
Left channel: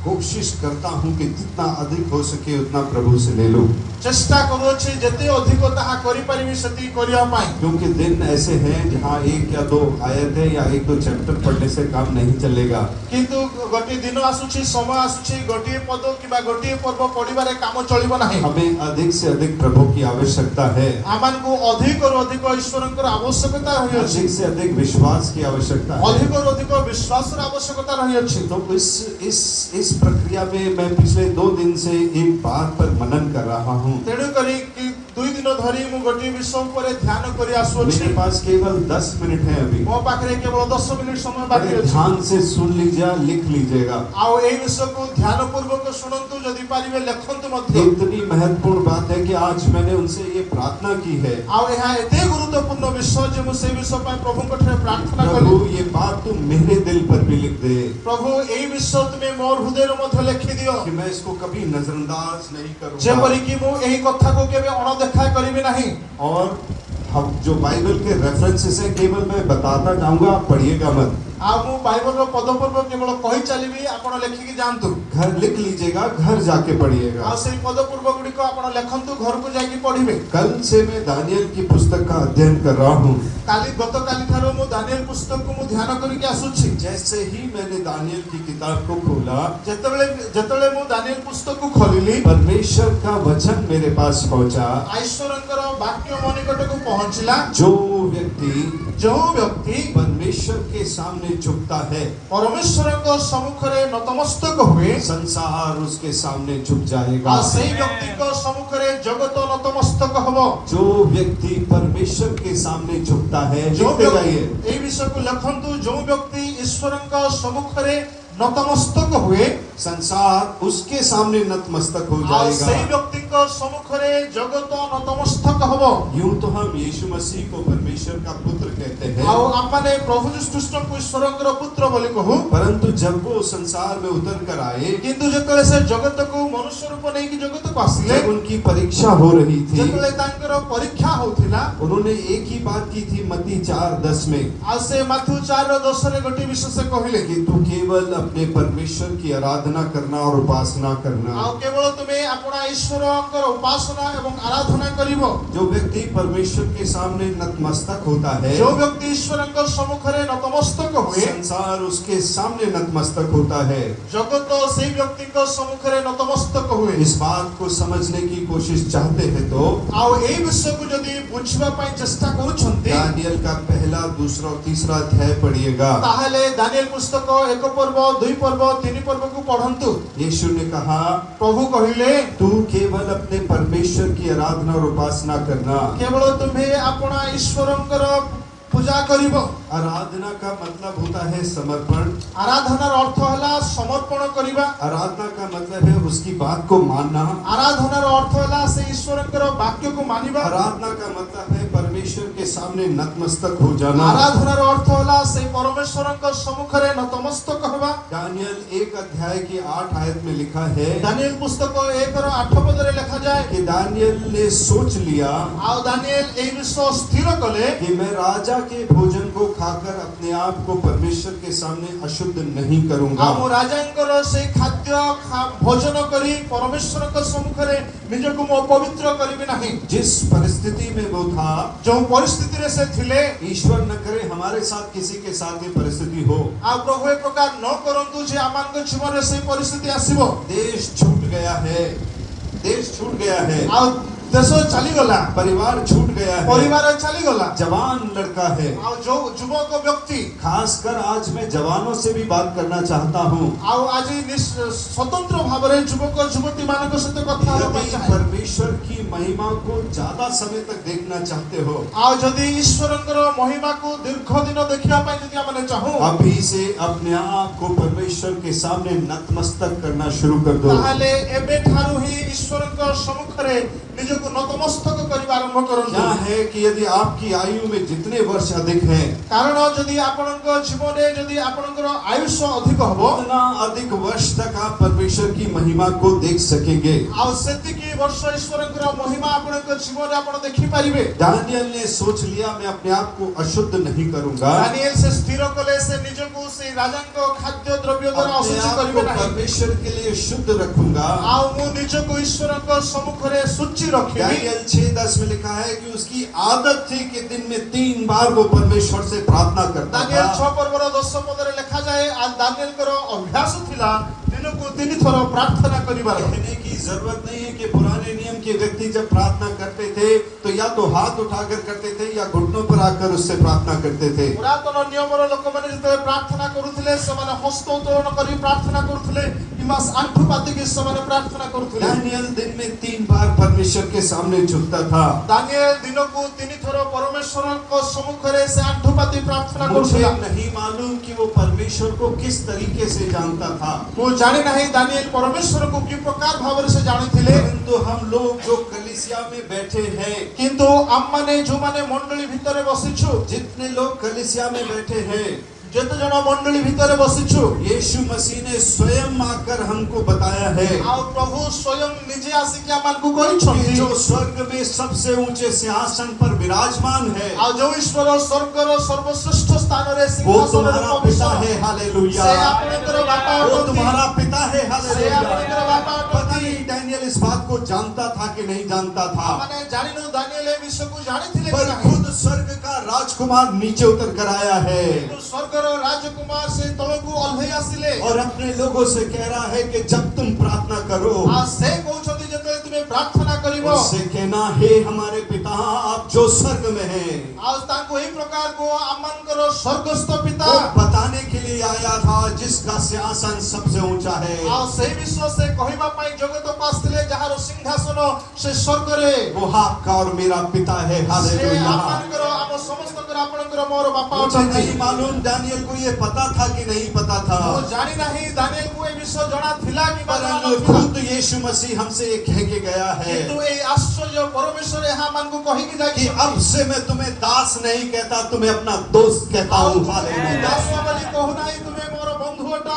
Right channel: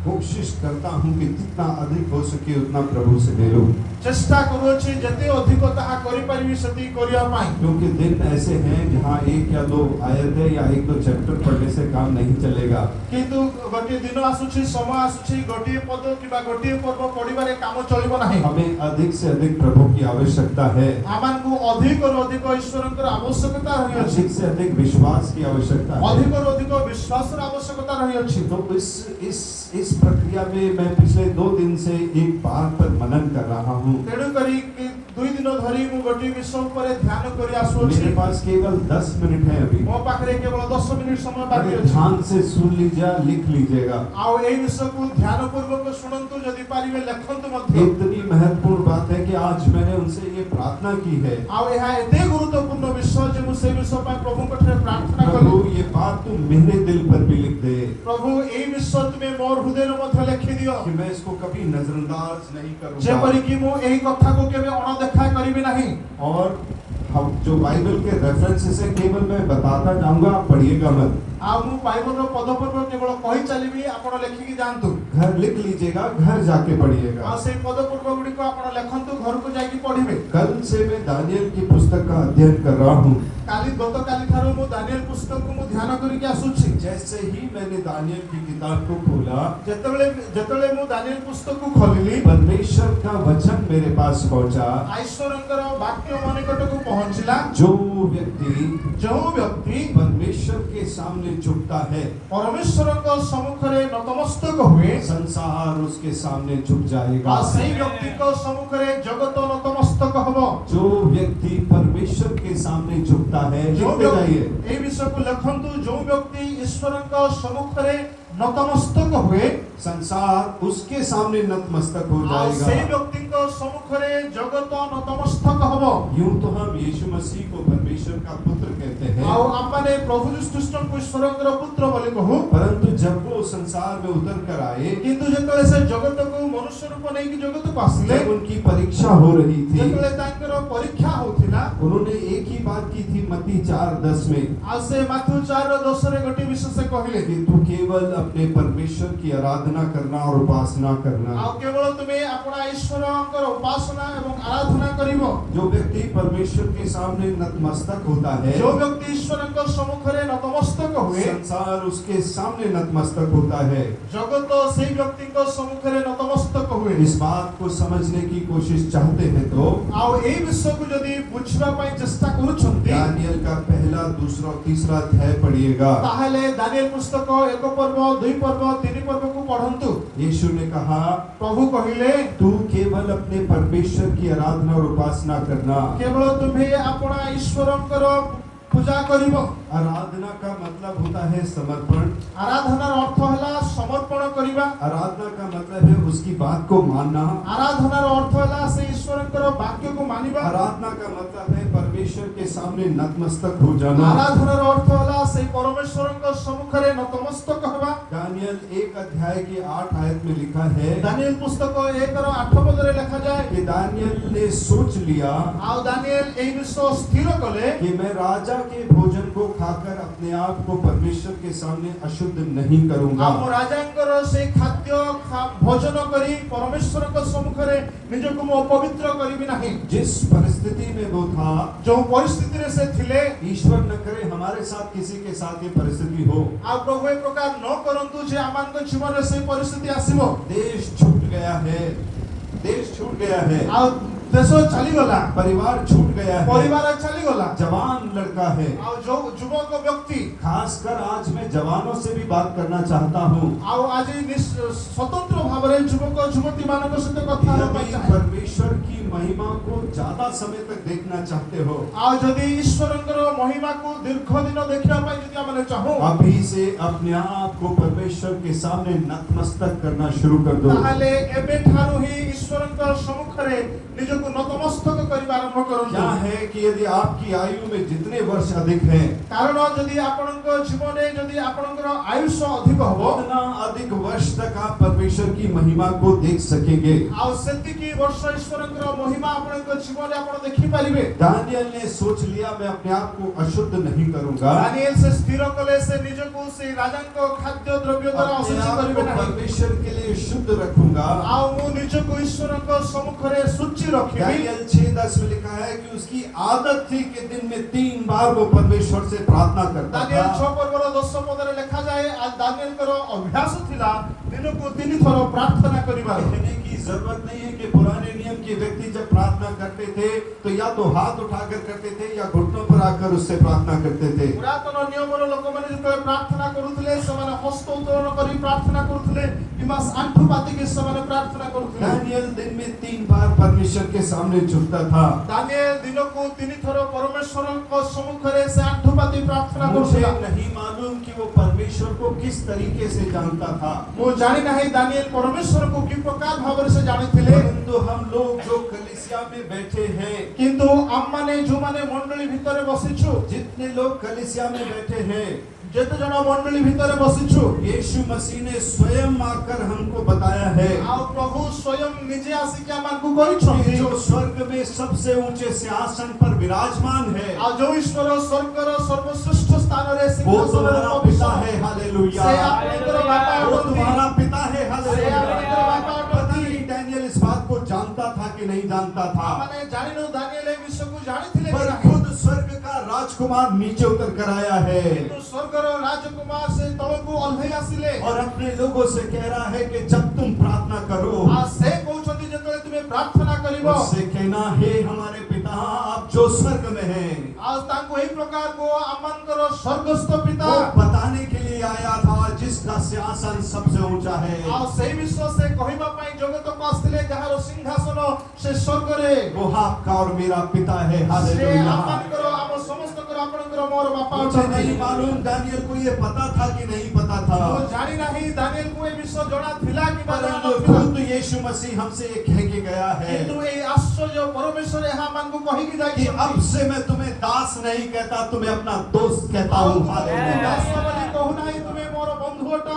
कोशिश करता हूँ कि जितना अधिक हो सके उतना प्रभु से ले लो, चेष्टा करूछि जेते अधिक ताहा करि परिबि सेति करिया पाई। क्योंकि दिन ऐसे हैं जहाँ एक या दो आयतें या एक दो चैप्टर पढ़ने से काम नहीं चलेगा। किंतु गोटे दिन आसुछि, समय आसुछि, गोटे पद किबा गोटे पर्व पढिबारे काम चलिबो नाही। हमें अधिक से अधिक प्रभु की आवश्यकता है, आमानकु अधिक और अधिक ईश्वरंकर आवश्यकता होइछि, अधिक से अधिक विश्वास की आवश्यकता है। अधिक और अधिक विश्वासर आवश्यकता होइछि। तो इस प्रक्रिया में मैं पिछले 2 दिन से एक बात पर मनन कर रहा हूँ। तेणु करी कि 2 दिन धरी मु गोटे विषय पर ध्यान करि मेरे आसुछि। पास केवल 10 मिनट है अभी, मो पाखरे केवल 10 मिनिट समय बाकी बड़े अछि। ध्यान से सुन लीजिए, लिख लीजिएगा। आउ एई विषय को ध्यान पूर्वक सुनंतु, जदि पारिबे लेखंतु मध्य। इतनी महत्वपूर्ण बात है कि आज मैंने उनसे ये प्रार्थना की है, आउ एहा एते गुरुत्वपूर्ण विषय जे मु से विषय पय प्रभु कठरे प्रार्थना प्रभु कली। ये बात तुम मेरे दिल पर भी लिख दे प्रभु एई विषय तुमे मोर हृदय मध्य लिखि दियो, कि मैं इसको कभी नजरअंदाज नहीं करूंगा। जेपरि कि मु एही कथा को केबे अणदेखा करिबे नाही। और हम जो बाइबल के रेफरेंसेस है केवल मैं बताता जाऊंगा, आप पढ़िएगा मत। आ मु बाइबल रो पद पर्व केवल कहि चलिबी, आपण लेखिकी जानतु। घर लिख लीजिएगा, घर जाके पढ़िएगा। आ से पद पर्व गुडी को आपण लेखंतु, घर को जाकी पढिबे। कल से मैं दानियल की पुस्तक का अध्ययन कर रहा हूँ। काली गतकाली थारो मु दानियल पुस्तक को मु ध्यान करिके आसुछि। जैसे ही मैंने दानियल की किताब को खोला, जेतबेले मु दानियल पुस्तक को खोलिली, परमेश्वर का वचन मेरे पास पहुंचा। ईश्वरंकर वाक्य मन निकट को पहुंचला। जो व्यक्ति जो व्यक्ति परमेश्वर के सामने झुकता है, परमेश्वरଙ୍କ सम्मुखरे नतमस्तक हुए, संसार उसके सामने झुक जाएगा। आ सेई व्यक्तिको सम्मुखरे जगत नतमस्तक हबो। जो व्यक्ति परमेश्वर के सामने झुकता है, जो लिखते जाइए, व्यक्ति, एई विषय को लेखंतु, जो व्यक्ति ईश्वरଙ୍କ सम्मुखरे नतमस्तक हुए, संसार उसके सामने नतमस्तक हो आ सेई जाएगा। व्यक्तिको सम्मुखरे जगत नतमस्तक हबो। यूं तो हम यीशु मसीह को परमेश्वर का पुत्र कहते हैं, आ आपने प्रभु यीशु ख्रीष्ट को ईश्वरଙ୍କର पुत्र बोली कहू, परंतु जब वो संसार में उतर कर आए, किंतु जेतले से जगत को मनुष्य रूप नै कि जगत को आसिले, जब उनकी परीक्षा हो रही थी, जेतले तांकर परीक्षा होथिला, उन्होंने एक ही बात की थी मत्ती 4:10 में, आ से माथु 4:10 रे गोटे विषय से कहिले कि तू केवल अपने परमेश्वर की आराधना करना और उपासना करना। आ केवल तुमे अपना ईश्वरଙ୍କର उपासना एवं आराधना करिवो। जो व्यक्ति परमेश्वर के सामने नतमस्तक होता है, जो व्यक्ति ईश्वरଙ୍କ सम्मुखरे नतमस्तक हुए, संसार उसके सामने नतमस्तक होता है। जगत सेई व्यक्तिଙ୍କ सम्मुखरे नतमस्तक हुए। इस बात को समझने की कोशिश चाहते हैं तो आ एई विषय को जदि बुझिबा पई चेष्टा करूछंती, दानियल का पहला, दूसरा और तीसरा अध्याय पढ़िएगा। ताहले दानियल पुस्तक 1 पर्व, 2 पर्व, 3 पर्व को पढ़ंतु। यीशु ने कहा, प्रभु कहिले, तू केवल अपने परमेश्वर की आराधना और उपासना करना। केवल तुम्हें अपना ईश्वरଙ୍କର पूजा करिवो। आराधना का मतलब होता है समर्पण। आराधनार अर्थ हला समर्पण करिबा। आराधना का मतलब है उसकी बात को मानना। आराधनार अर्थ हला से ईश्वरଙ୍କର वाक्य को मानिबा। आराधना का मतलब है परमेश्वर के सामने नतमस्तक हो जाना। आराधनार अर्थ हला से परमेश्वरଙ୍କ सम्मुखरे नतमस्तक होबा। दानियल 1 अध्याय की 8 आयत में लिखा है, दानियल पुस्तक 1:8 पदरे लिखा जाए कि दानियल ने सोच लिया आ दानियल एई विषय स्थिर कले कि मैं राजा के भोजन को खाकर अपने आप को परमेश्वर के सामने अशुद्ध नहीं करूंगा। आ मो राजांकर से खाद्य भोजन करी परमेश्वरଙ୍କ सम्मुखरे निजको मो पवित्र करिबि नाही। जिस परिस्थिति में वो था, जो परिस्थिति रे से थिले, ईश्वर न करे हमारे साथ किसी के साथ ये परिस्थिति हो। आ प्रभु एक प्रकार न करंतु जे आमानक जीवन रे से परिस्थिति आसीबो। देश छूट गया है, देश छूट गया है, आ देश चली गला, परिवार छूट गया है, परिवार चली गला, जवान लड़का है। आ जो युवक व्यक्ति, खासकर आज मैं जवानों से भी बात करना चाहता हूँ। आ आज स्वतंत्र भाव रे युवक युवती मानक सहित कथा होबा यदि चाहे, परमेश्वर की महिमा को ज्यादा समय तक देखना चाहते हो, आ जदि ईश्वरଙ୍କର महिमा को दीर्घ दिन देखिबा पई जदि आमने चाहू, अभी से अपने आप को परमेश्वर के सामने नतमस्तक करना शुरू कर दो। ताहले एबे ठारू ही ईश्वरଙ୍କ सम्मुखरे निजको नतमस्तक करिबा आरंभ करंतु। क्या है है कि यदि आपकी आयु में जितने वर्ष अधिक हैं, कारण जदि आपणको जीवन जदि आपणकर आयुष अधिक हबो उतना अधिक वर्ष तक आप परमेश्वर की महिमा को देख सकेंगे। आ सेतिकी वर्ष ईश्वरकर महिमा आपणको जीवन आपण देखि परिबे। दानियल ने सोच लिया मैं अपने आप को अशुद्ध नहीं करूंगा, दानियल से स्थिर कले से निजको से राजाको खाद्य द्रव्य द्वारा अपने अशुचि आप को करिबे नाही। परमेश्वर के लिए शुद्ध रखूंगा। आ मु निजको ईश्वरको सम्मुखरे शुचि रखिबि। दानियल 6:10 में लिखा है कि उसकी आदत थी कि दिन में 3 बार वो परमेश्वर से प्रार्थना करता दानियल था। 6 पर्वर 10 पदरे लिखा जाए आ दानियल करो अभ्यास थिला दिनको 3 थरो प्रार्थना करिबार। कहने की जरूरत नहीं है कि पुराने नियम के व्यक्ति जब प्रार्थना करते थे तो या तो हाथ उठाकर करते थे या घुटनों पर आकर उससे प्रार्थना करते थे। पुरातन नियमर लोक माने जते प्रार्थना करूथिले समान हस्त उत्तोलन करी प्रार्थना करूथिले किमा आंठु पाती के समान प्रार्थना करूथिले। दानियल दिन में 3 बार परमेश्वर के सामने झुकता था। दानियल दिनको 3 थरो परमेश्वरको सम्मुखरे से आंठु पाती प्रार्थना मुझे करूथिला। नहीं मालूम कि वो परमेश्वर को किस तरीके से जानता था, मु जानि नाही दानियल परमेश्वर को कि प्रकार भाव से जानिथिले। परंतु हम लोग जो कलीसिया में बैठे हैं, किंतु आम माने जो माने मंडली भितरे बसिछु जितने लोग कलीसिया में बैठे हैं, जते जन मंडली भितरे बसिछु यीशु मसीह ने स्वयं आकर हमको बताया है आ प्रभु स्वयं निजे आसी के मानकु कि कहिछथि जो स्वर्ग में सबसे ऊंचे सिंहासन पर विराजमान है आ जो ईश्वर स्वर्गर सर्वश्रेष्ठ स्थान रे वो सिंहासन तुम्हारा रे पिता पवित्र है। हालेलुया। से आपणकर बापा वो अटंती। तुम्हारा पिता है। से हालेलुया। आपणकर बापा पता अटंती। नहीं डैनियल इस बात को जानता था कि नहीं जानता था, माने जानिनो दानियल ए विषय को जानिथिले पर कि नाही। खुद स्वर्ग का राजकुमार नीचे उतर कर आया है किंतु स्वर्गर राजकुमार से तळकु ओल्हे आसिले और अपने लोगों से कह रहा है कि जब तुम प्रार्थना करो आ से कहउछथि जते तुमे प्रार्थना करिवो उससे कहना हे हमारे पिता आप जो स्वर्ग में हैं। आ तांको एई प्रकार को आमनकर स्वर्गस्थ पिता वो बताने के लिए आया था जिसका सिंहासन सबसे ऊंचा है। आ से विश्व से कहिबा पई जगत को आस्थिले जहार सिंहासन से स्वर्ग रे वो आपका और मेरा पिता है। से हालेलुया। आपनकर आम समस्तकर आपनकर मोर बापा मुझे अछथि। नहीं मालूम दानियल को ये पता था कि नहीं पता था, मु जानि नाही दानियल को ए विषय जणा थिला कि बा जणा परंतु नथिला। खुद यीशु मसीह हमसे ये कह के गया है किंतु ए आश्चर्य परमेश्वर यहाँ मन को कही कि कि अब से मैं तुम्हें दास नहीं कहता, तुम्हें अपना दोस्त कहता हूँ। हालेलुया। दासवली कहू नाही तुमे मोर बंधु अट।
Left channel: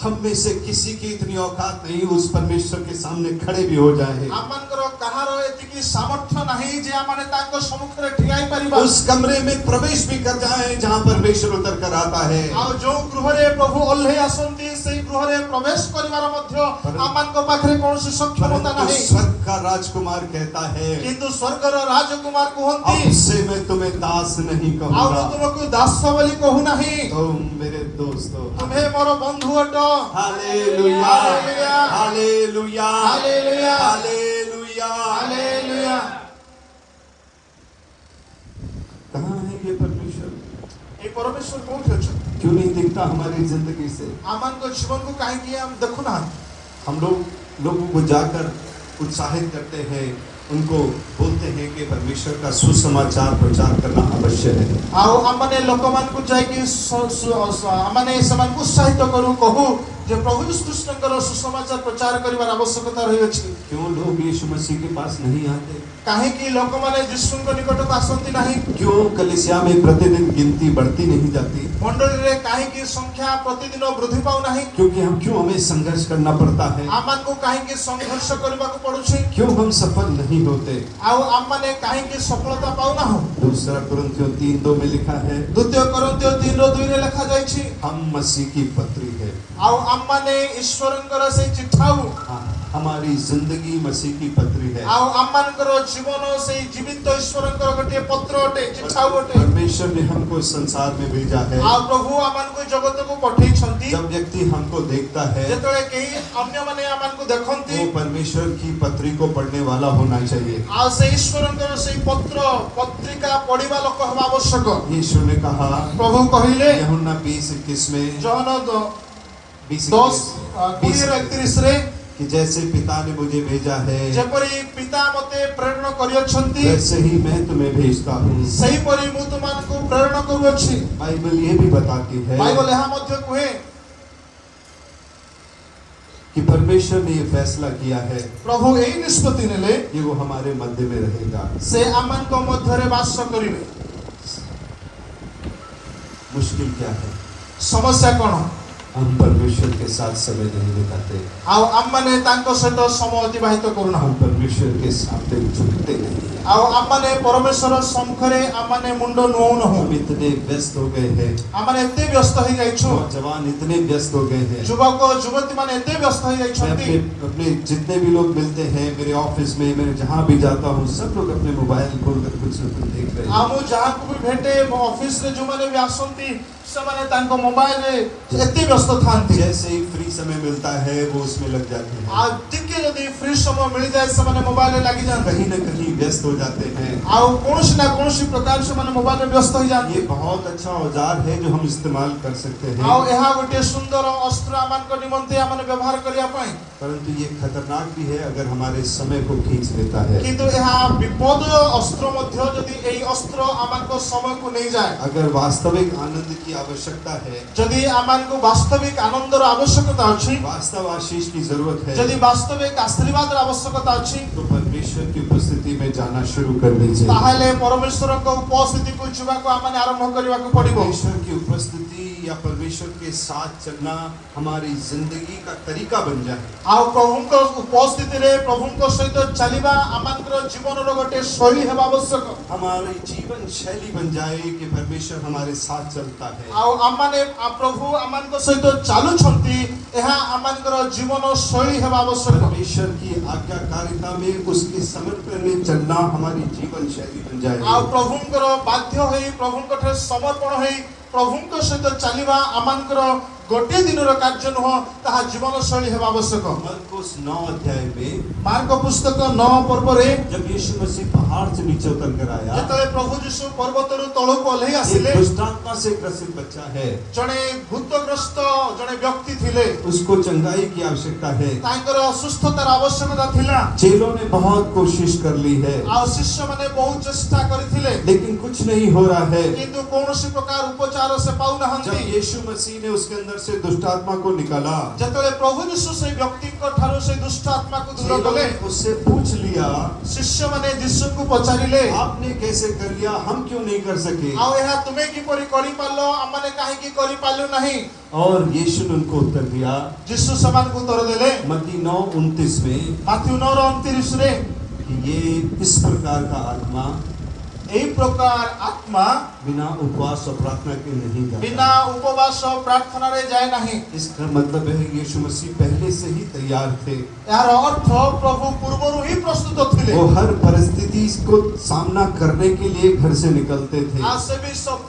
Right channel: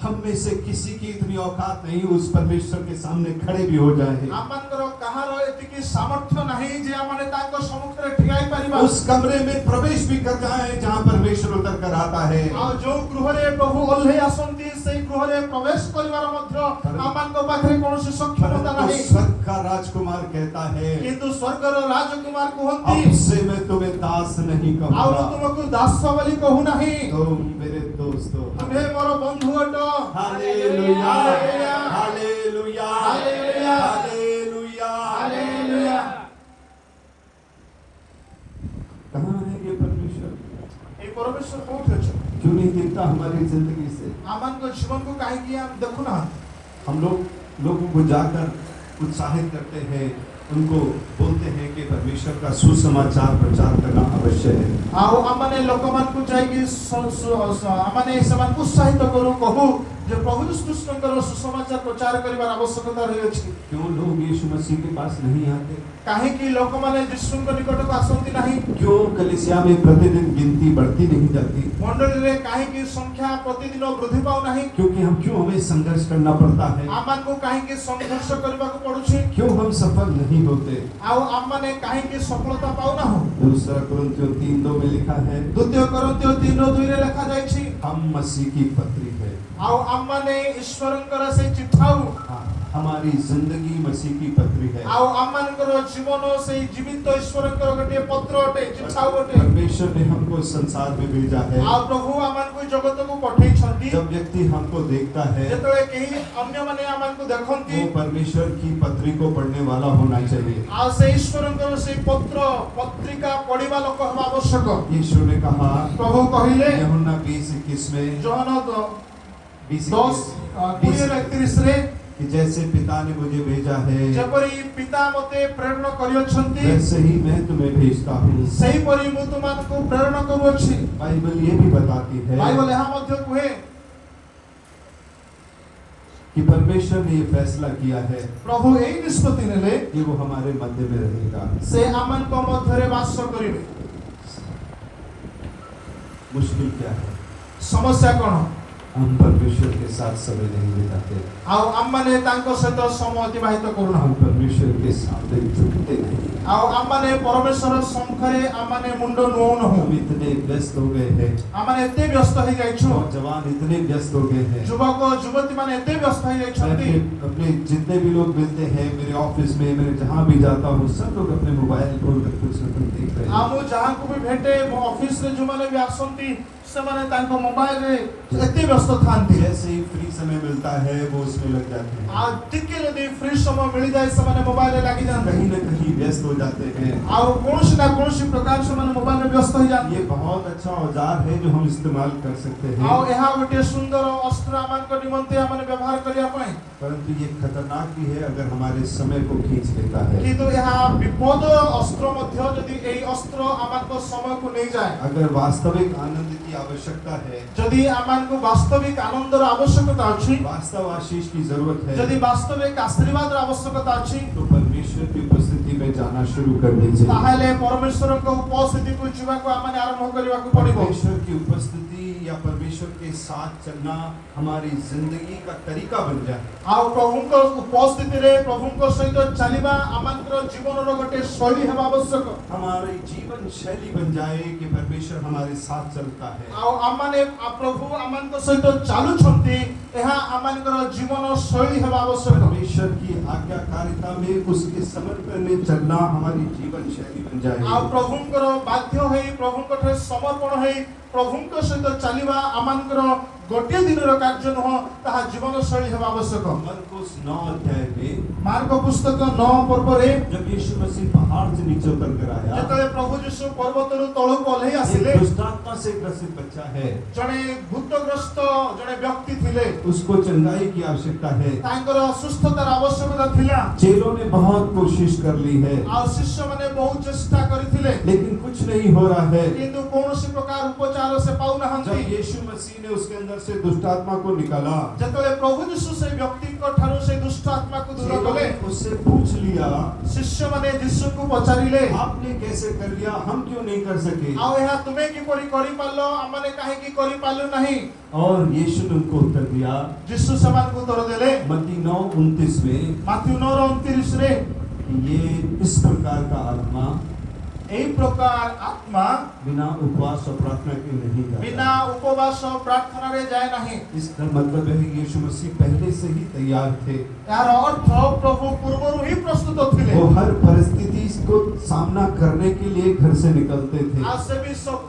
हम में से किसी की इतनी औकात नहीं उस परमेश्वर के सामने खड़े भी हो जाए, आमनकर कहार एतिकी सामर्थ्य नाही जे आमाने ताको सम्मुखरे ठियाई परिबा। उस कमरे में प्रवेश भी कर जाए जहाँ परमेश्वर उतर कर आता है। आ जो गृहरे प्रभु ओल्हे आसंती सेई गृहरे प्रवेश करिवार मध्य आमानक पाखरे कोनोसी सक्षमता परंतु नाही। स्वर्ग का राजकुमार कहता है किंतु स्वर्गर राजकुमार अब कहंती से मैं तुम्हें दास नहीं आउ कहूंगा, तुमको दासवली कहू नाही तुम मेरे दोस्त हो। तुम्हे मोर बंधु अट। Hallelujah. Hallelujah. Hallelujah. Hallelujah. Hallelujah. Hallelujah. कहाँ है ये परमेश्वर? ए परमेश्वर कोठे अछन? क्यों नहीं दिखता हमारी जिंदगी से? आमानक जीवन को काहे कि हम देखु ना। हम लोगों को जाकर उत्साहित करते हैं, उनको बोलते हैं कि परमेश्वर का सुसमाचार प्रचार करना अवश्य है। आउ आमाने लोकमान को जाय कि आमाने समान उत्साहित करू कहू जे प्रभु यीशु कृष्णकर सुसमाचार प्रचार करिवार आवश्यकता रही अछि। क्यों लोग यीशु मसीह के पास नहीं आते? काहे कि लोकमाने यीशुଙ୍କ निकटक आसंती नाही। क्यों कलीसिया में प्रतिदिन गिनती बढ़ती नहीं जाती? मंडली रे काहे कि संख्या प्रतिदिन वृद्धि पाउ नाही। क्योंकि हमें संघर्ष करना पड़ता है? आमान को काहे कि संघर्ष करबा को पड़ुछि। क्यों हम सफल नहीं होते? आउ आमाने काहे कि सफलता पाउ ना हो। दूसरा कुरिन्थियों 3:2 में लिखा है द्वितीय कोरिन्थियों 3:2 रे लिखा जाय छी हम मसीह की पत्री है। आउ आमाने ईश्वरଙ୍କର से चिठाउ हमारी जिंदगी मसीह की पत्री है। आउ आमानकर जीवन से जीवित ईश्वरଙ୍କର गोटे पत्र अटे चिठाउ अटे। परमेश्वर ने हमको संसार में भेजा है। आ प्रभु आमान को जगत को पठेई छंती। जब व्यक्ति हमको देखता है जेतळे केही अन्य माने आमान को देखंती वो परमेश्वर की पत्री को पढ़ने वाला होना चाहिए। आ से ईश्वरଙ୍କର से पत्र पत्रिका पढिबा लोक हवा आवश्यक। यीशु ने कहा प्रभु कहिले यूहन्ना 20:21 में जहन 20:31 10:31 रे कि जैसे पिता ने मुझे भेजा है जेपरि पिता मते प्रेरण करियछंती वैसे ही मैं तुम्हें भेजता हूँ। सही परि मु तुमनको प्रेरण करूछि। बाइबल ये भी बताती है बाइबल यहाँ मध्य कुहे कि परमेश्वर ने ये फैसला किया है प्रभु एई निष्पत्ति नेले कि वो हमारे मध्य में रहेगा। से आमान को मध्यरे वास करिवे। मुश्किल क्या है? समस्या कोन? हम परमेश्वर के साथ समय नहीं बिताते, आउ आम माने तांको सहित समय अतिबाहित करूना। हम परमेश्वर के सामने झुकते नहीं, आउ आम माने परमेश्वर सम्मुखरे आम माने मुंडो नुओन हो। हम इतने व्यस्त हो गए हैं, आम माने एते व्यस्त हो जाइछु, नौजवान इतने व्यस्त हो गए हैं। युवक युवती माने एते व्यस्त हो मैं जाइछन्ति। अपने जितने भी लोग मिलते हैं मेरे ऑफिस में, मैं जहाँ भी जाता हूँ, सब लोग अपने मोबाइल खोलकर कुछ न कुछ देख रहे हैं। आमु जहाँ को भी भेटे ऑफिस रे जो माने भी आसंती से माने तांको मोबाइल रे एते व्यस्त थांती। जैसे ही फ्री समय मिलता है वो उसमें लग जाते हैं, आ टिके यदि फ्री समय मिल जाए से माने मोबाइल रे लागि जान। कहीं न कहीं व्यस्त हो जाते हैं। आउ कोनोसी ना कोनोसी प्रकार से माने मोबाइल रे व्यस्त हो जान। ये बहुत अच्छा औजार है जो हम इस्तेमाल कर सकते हैं, आउ एहा गोटे सुंदर अस्त्र आमान को निमंते आमान व्यवहार करिया पई, परंतु ये खतरनाक भी है अगर हमारे समय को खींच लेता है। किंतु एहा विपद अस्त्र मध्य यदि एई अस्त्र आमान को समय को नहीं जाए, अगर वास्तविक आनंद की आवश्यकता है, यदि आमान को वास्तविक आनंदर आवश्यकता अछि, वास्तव आशीष की जरूरत है, यदि वास्तविक आशीर्वादर आवश्यकता अछि, तो परमेश्वर की उपस्थिति में जाना शुरू कर दीजिए। ताहाले परमेश्वर को उपस्थिति को जीवा को आमान आरंभ करिवा को पड़िबो। परमेश्वर की उपस्थिति या परमेश्वर के साथ चलना हमारी जिंदगी का तरीका बन जाए। आउ प्रभु को उपस्थिति रे प्रभु को सहित चलिबा आमानकर जीवन रो गोटे शैली हेबा आवश्यक। हमारी जीवन शैली बन जाए कि परमेश्वर हमारे साथ चलता है। आउ आमाने प्रभु आमान को सहित चालू छंती, एहा आमानकर जीवन शैली हेबा आवश्यक। परमेश्वर की आज्ञाकारिता में उसके समर्पण में चलना हमारी जीवन शैली बन जाए। आउ प्रभुंकर बाध्य होई प्रभुंकर समर्पण होई प्रभुंकर सहित चलिबा आमानकर गोटे दिन रो कार्य नुह, ताहा जीवन शैली हेबा आवश्यक। मरकुस 9 अध्याय में मार्क पुस्तक 9 पर्व रे जब यीशु मसीह पहाड़ से नीचे उतर कर आया, जेतले प्रभु यीशु पर्वत रु तळको ओल्हेई एक आसिले, दुष्ट आत्मा से ग्रसित बच्चा है, जणे भूतग्रस्त जणे व्यक्ति थिले, उसको चंगाई की आवश्यकता है। तांकर सुस्थतार आवश्यकता थिला। चेलों ने बहुत कोशिश कर ली है, आ शिष्य माने बहुत चेष्टा करिथिले, लेकिन कुछ नहीं हो रहा है। किंतु कोनोसी प्रकार उपचार से पाउ जब नहंती। यीशु मसीह ने उसके अंदर से दुष्ट आत्मा को निकाला, जेतले प्रभु यीशु से व्यक्ति को ठारो से दुष्ट आत्मा को दूर चेलों कले, ने उससे पूछ लिया, शिष्य माने यीशु को पचारिले, आपने कैसे कर लिया, हम क्यों नहीं कर सके? आ एहा तुमे की परि करि पालो, हमने काहे की करि पालो नहीं। और यीशु ने उनको उत्तर दिया, यीशु समान को उत्तर देले मत्ती 9:29 में, माथ्यू 9:29 रे, कि ये इस प्रकार का आत्मा एई प्रकार आत्मा बिना उपवास और प्रार्थना के नहीं जाता। बिना उपवास और प्रार्थना रे जाए नहीं। इसका मतलब है कि यीशु मसीह पहले से ही तैयार थे। यार अर्थ प्रभु पूर्वरु ही प्रस्तुत थिले। वो हर परिस्थिति को सामना करने के लिए घर से निकलते थे। आ से भी सब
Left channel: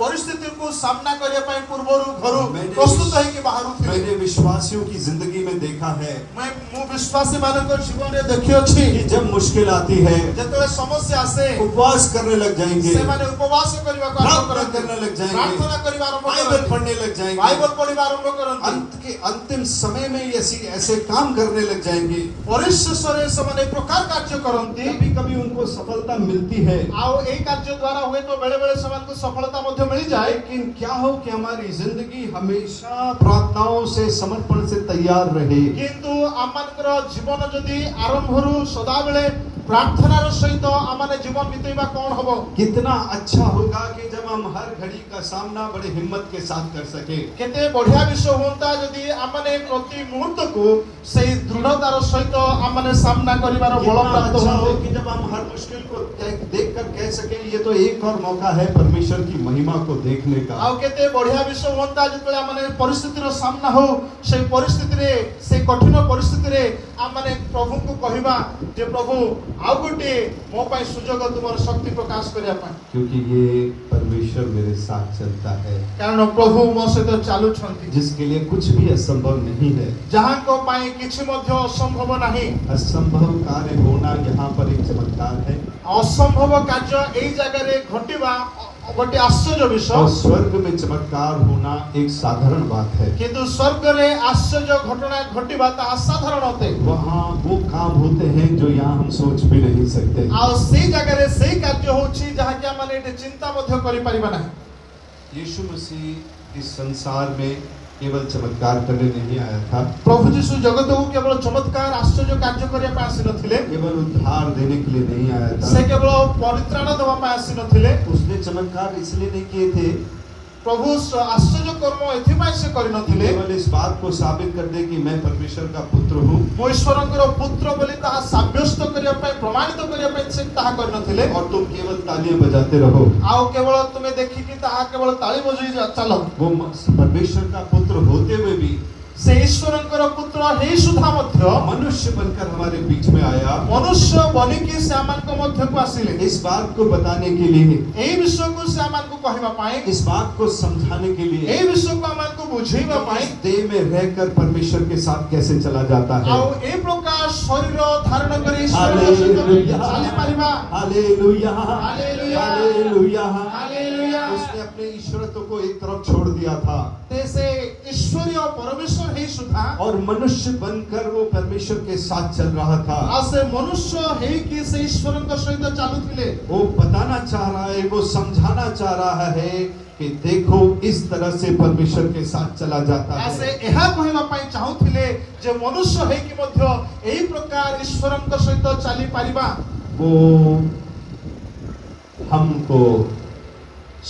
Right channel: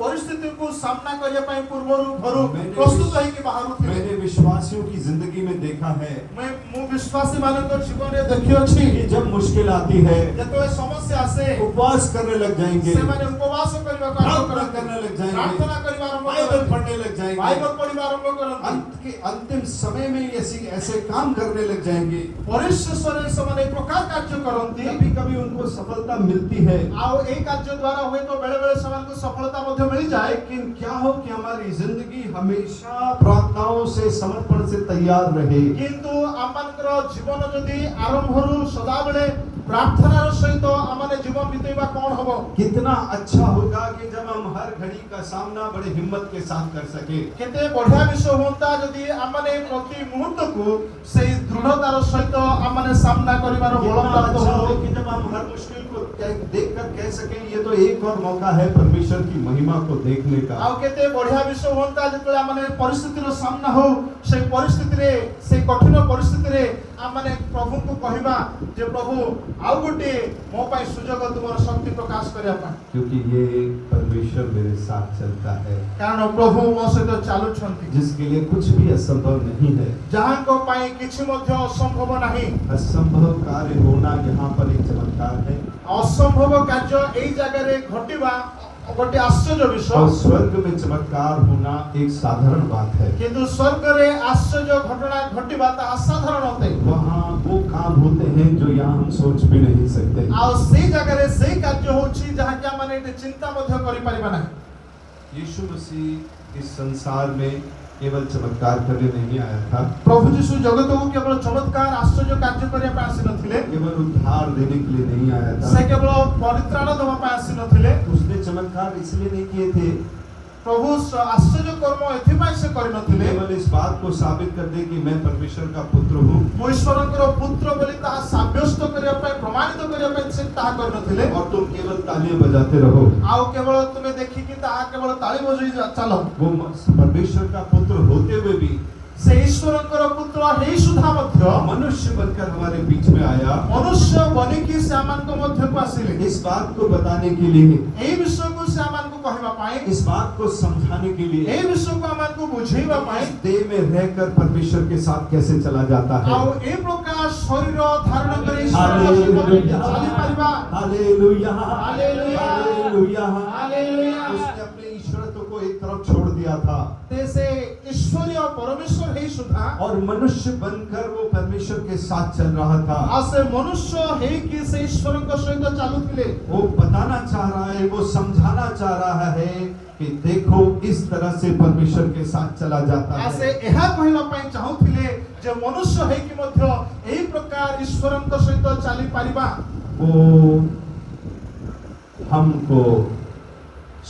परिस्थिति को सामना करे पई पूर्वरु घरु मैंने प्रस्तुत है कि बाहरु थिले। मैंने विश्वासियों की जिंदगी में देखा है मैं मु विश्वासी मानकर जीवन रे देखियो छी, कि जब मुश्किल आती है जतले समस्या आसे उपवास करने लग जाएंगे, से माने उपवास करिवा को आरंभ प्रार्थना करते, करने लग जाएंगे, प्रार्थना करिवा आरंभ बाइबल करते, पढ़ने लग जाएंगे, बाइबल पढ़िवा आरंभ करते, अंत के अंतिम समय में ऐसे काम करने लग जाएंगे। परिश्रम से माने प्रकार कार्य करंती। कभी कभी उनको सफलता मिलती है, आओ ए कार्य द्वारा हुए तो बेले बेले समान को सफलता मध्य मिल जाए। लेकिन क्या हो कि हमारी जिंदगी हमेशा प्रार्थनाओं से समर्पण से तैयार रहे। किंतु आमानकर जीवन जदि आरंभरु सदा बेले प्रार्थनार सहित आमाने जीवन बितेबा कोन हबो। कितना अच्छा होगा कि जब हम हर घड़ी का सामना बड़े हिम्मत के साथ कर सके। केते बढ़िया विषय होता जदि आमाने प्रति मुहूर्त को सही दृढ़तार सहित आमाने सामना करिवार बल कितना प्राप्त अच्छा हो। हो कि जब हम हर मुश्किल को देखकर कह सके ये तो एक और मौका है परमेश्वर की महिमा को देखने का। आउ केते बढ़िया विषय होता जतले आमाने परिस्थितिर सामना हो, से परिस्थिति रे से कठिन परिस्थिति रे आमाने प्रभु को कहिबा जे प्रभु आउ गोटे मो पई सुजोग तुमर शक्ति प्रकाश करिया पई। क्योंकि ये परमेश्वर मेरे साथ चलता है, कारण प्रभु मो सहित चालू छंती, जिसके लिए कुछ भी असंभव नहीं है। जहां को पाए किछि मध्य असंभव नहीं। असंभव कार्य होना यहाँ पर एक चमत्कार है, असंभव कार्य एई जगह रे घटिबा गोटे आश्चर्य और विषय। स्वर्ग में चमत्कार होना एक साधारण बात है। किंतु स्वर्ग रे आश्चर्य घटना घटिबा ता असाधारण होते। वहाँ वो काम होते हैं जो यहाँ हम सोच भी नहीं सकते। आ सेई जगह रे सेई कार्य होछि जहां कि माने चिंता मध्य करि परिबा नहीं। यीशु मसीह इस संसार में केवल चमत्कार करने नहीं आया था, प्रभु यीशु जगत को केवल चमत्कार आश्चर्य कार्य करिया ପାଇଁ ଆସି ନଥିଲେ केवल उद्धार देने के लिए नहीं आया से था। केवल परित्राण देवा ପାଇଁ आसी नथिले उसने चमत्कार इसलिए नहीं किए थे प्रभु आश्चर्य कर्म एथि ପାଇଁ से करि नथिले केवल इस बात को साबित कर दे कि मैं परमेश्वर का पुत्र हूँ ମୁଁ ଈଶ୍ୱରଙ୍କର ପୁତ୍ର ବୋଲି ତାହା ସାବ୍ୟସ୍ତ କରିବା ପାଇଁ ପ୍ରମାଣିତ କରିବା ପାଇଁ ସେ ତାହା କରି ନଥିଲେ और तुम केवल तालियां बजाते रहो। ଆଉ କେବଳ ତୁମେ ଦେଖିକି ତାହା କେବଳ ତାଳି ବଜେଇ ଚାଲ वो परमेश्वर का पुत्र होते हुए भी ସେ ଈଶ୍ୱରଙ୍କର ପୁତ୍ର ହେଇ ସୁଦ୍ଧା ମଧ୍ୟ मनुष्य बनकर हमारे बीच में आया, ମନୁଷ୍ୟ ବନିକି ସେ ଆମମାନଙ୍କ ମଧ୍ୟକୁ ଆସିଲେ इस बात को बताने के लिए, ଏହି ବିଷୟକୁ ସେ ଆମମାନଙ୍କୁ କହିବା ପାଇଁ इस बात को समझाने के लिए ଏହି ବିଷୟକୁ ଆମମାନଙ୍କୁ ବୁଝେଇବା ପାଇଁ इस देह में रहकर परमेश्वर के साथ कैसे चला जाता है। ଆଉ ଏ ପ୍ରକାର ଶରୀର ଧାରଣ କରି ଈଶ୍ୱରଙ୍କ ସହିତ କେମିତି ଚାଲିପାରିବା हालेलुया, हालेलुया, हालेलुया। ହାଲେଲୁୟା उसने अपने ईश्वरत्व को एक तरफ छोड़ दिया था ते ସେ ଈଶ୍ୱରୀୟ ପରମେଶ୍ୱର ହେଇ ସୁଦ୍ଧା और मनुष्य बनकर वो परमेश्वर के साथ चल रहा था। ଆଉ ସେ ମନୁଷ୍ୟ ହେଇକି ସେ ଈଶ୍ୱରଙ୍କ ସହିତ ଚାଲୁଥିଲେ वो बताना चाह रहा है, वो समझाना चाह रहा है कि देखो इस तरह से परमेश्वर के साथ चला जाता ଆଉ ସେ है। ଏହା କହିବା ପାଇଁ ଚାହୁଁଥିଲେ ଯେ ମନୁଷ୍ୟ ହେଇକି ମଧ୍ୟ ଏହି ପ୍ରକାର ଈଶ୍ୱରଙ୍କ ସହିତ ଚାଲିପାରିବା वो हमको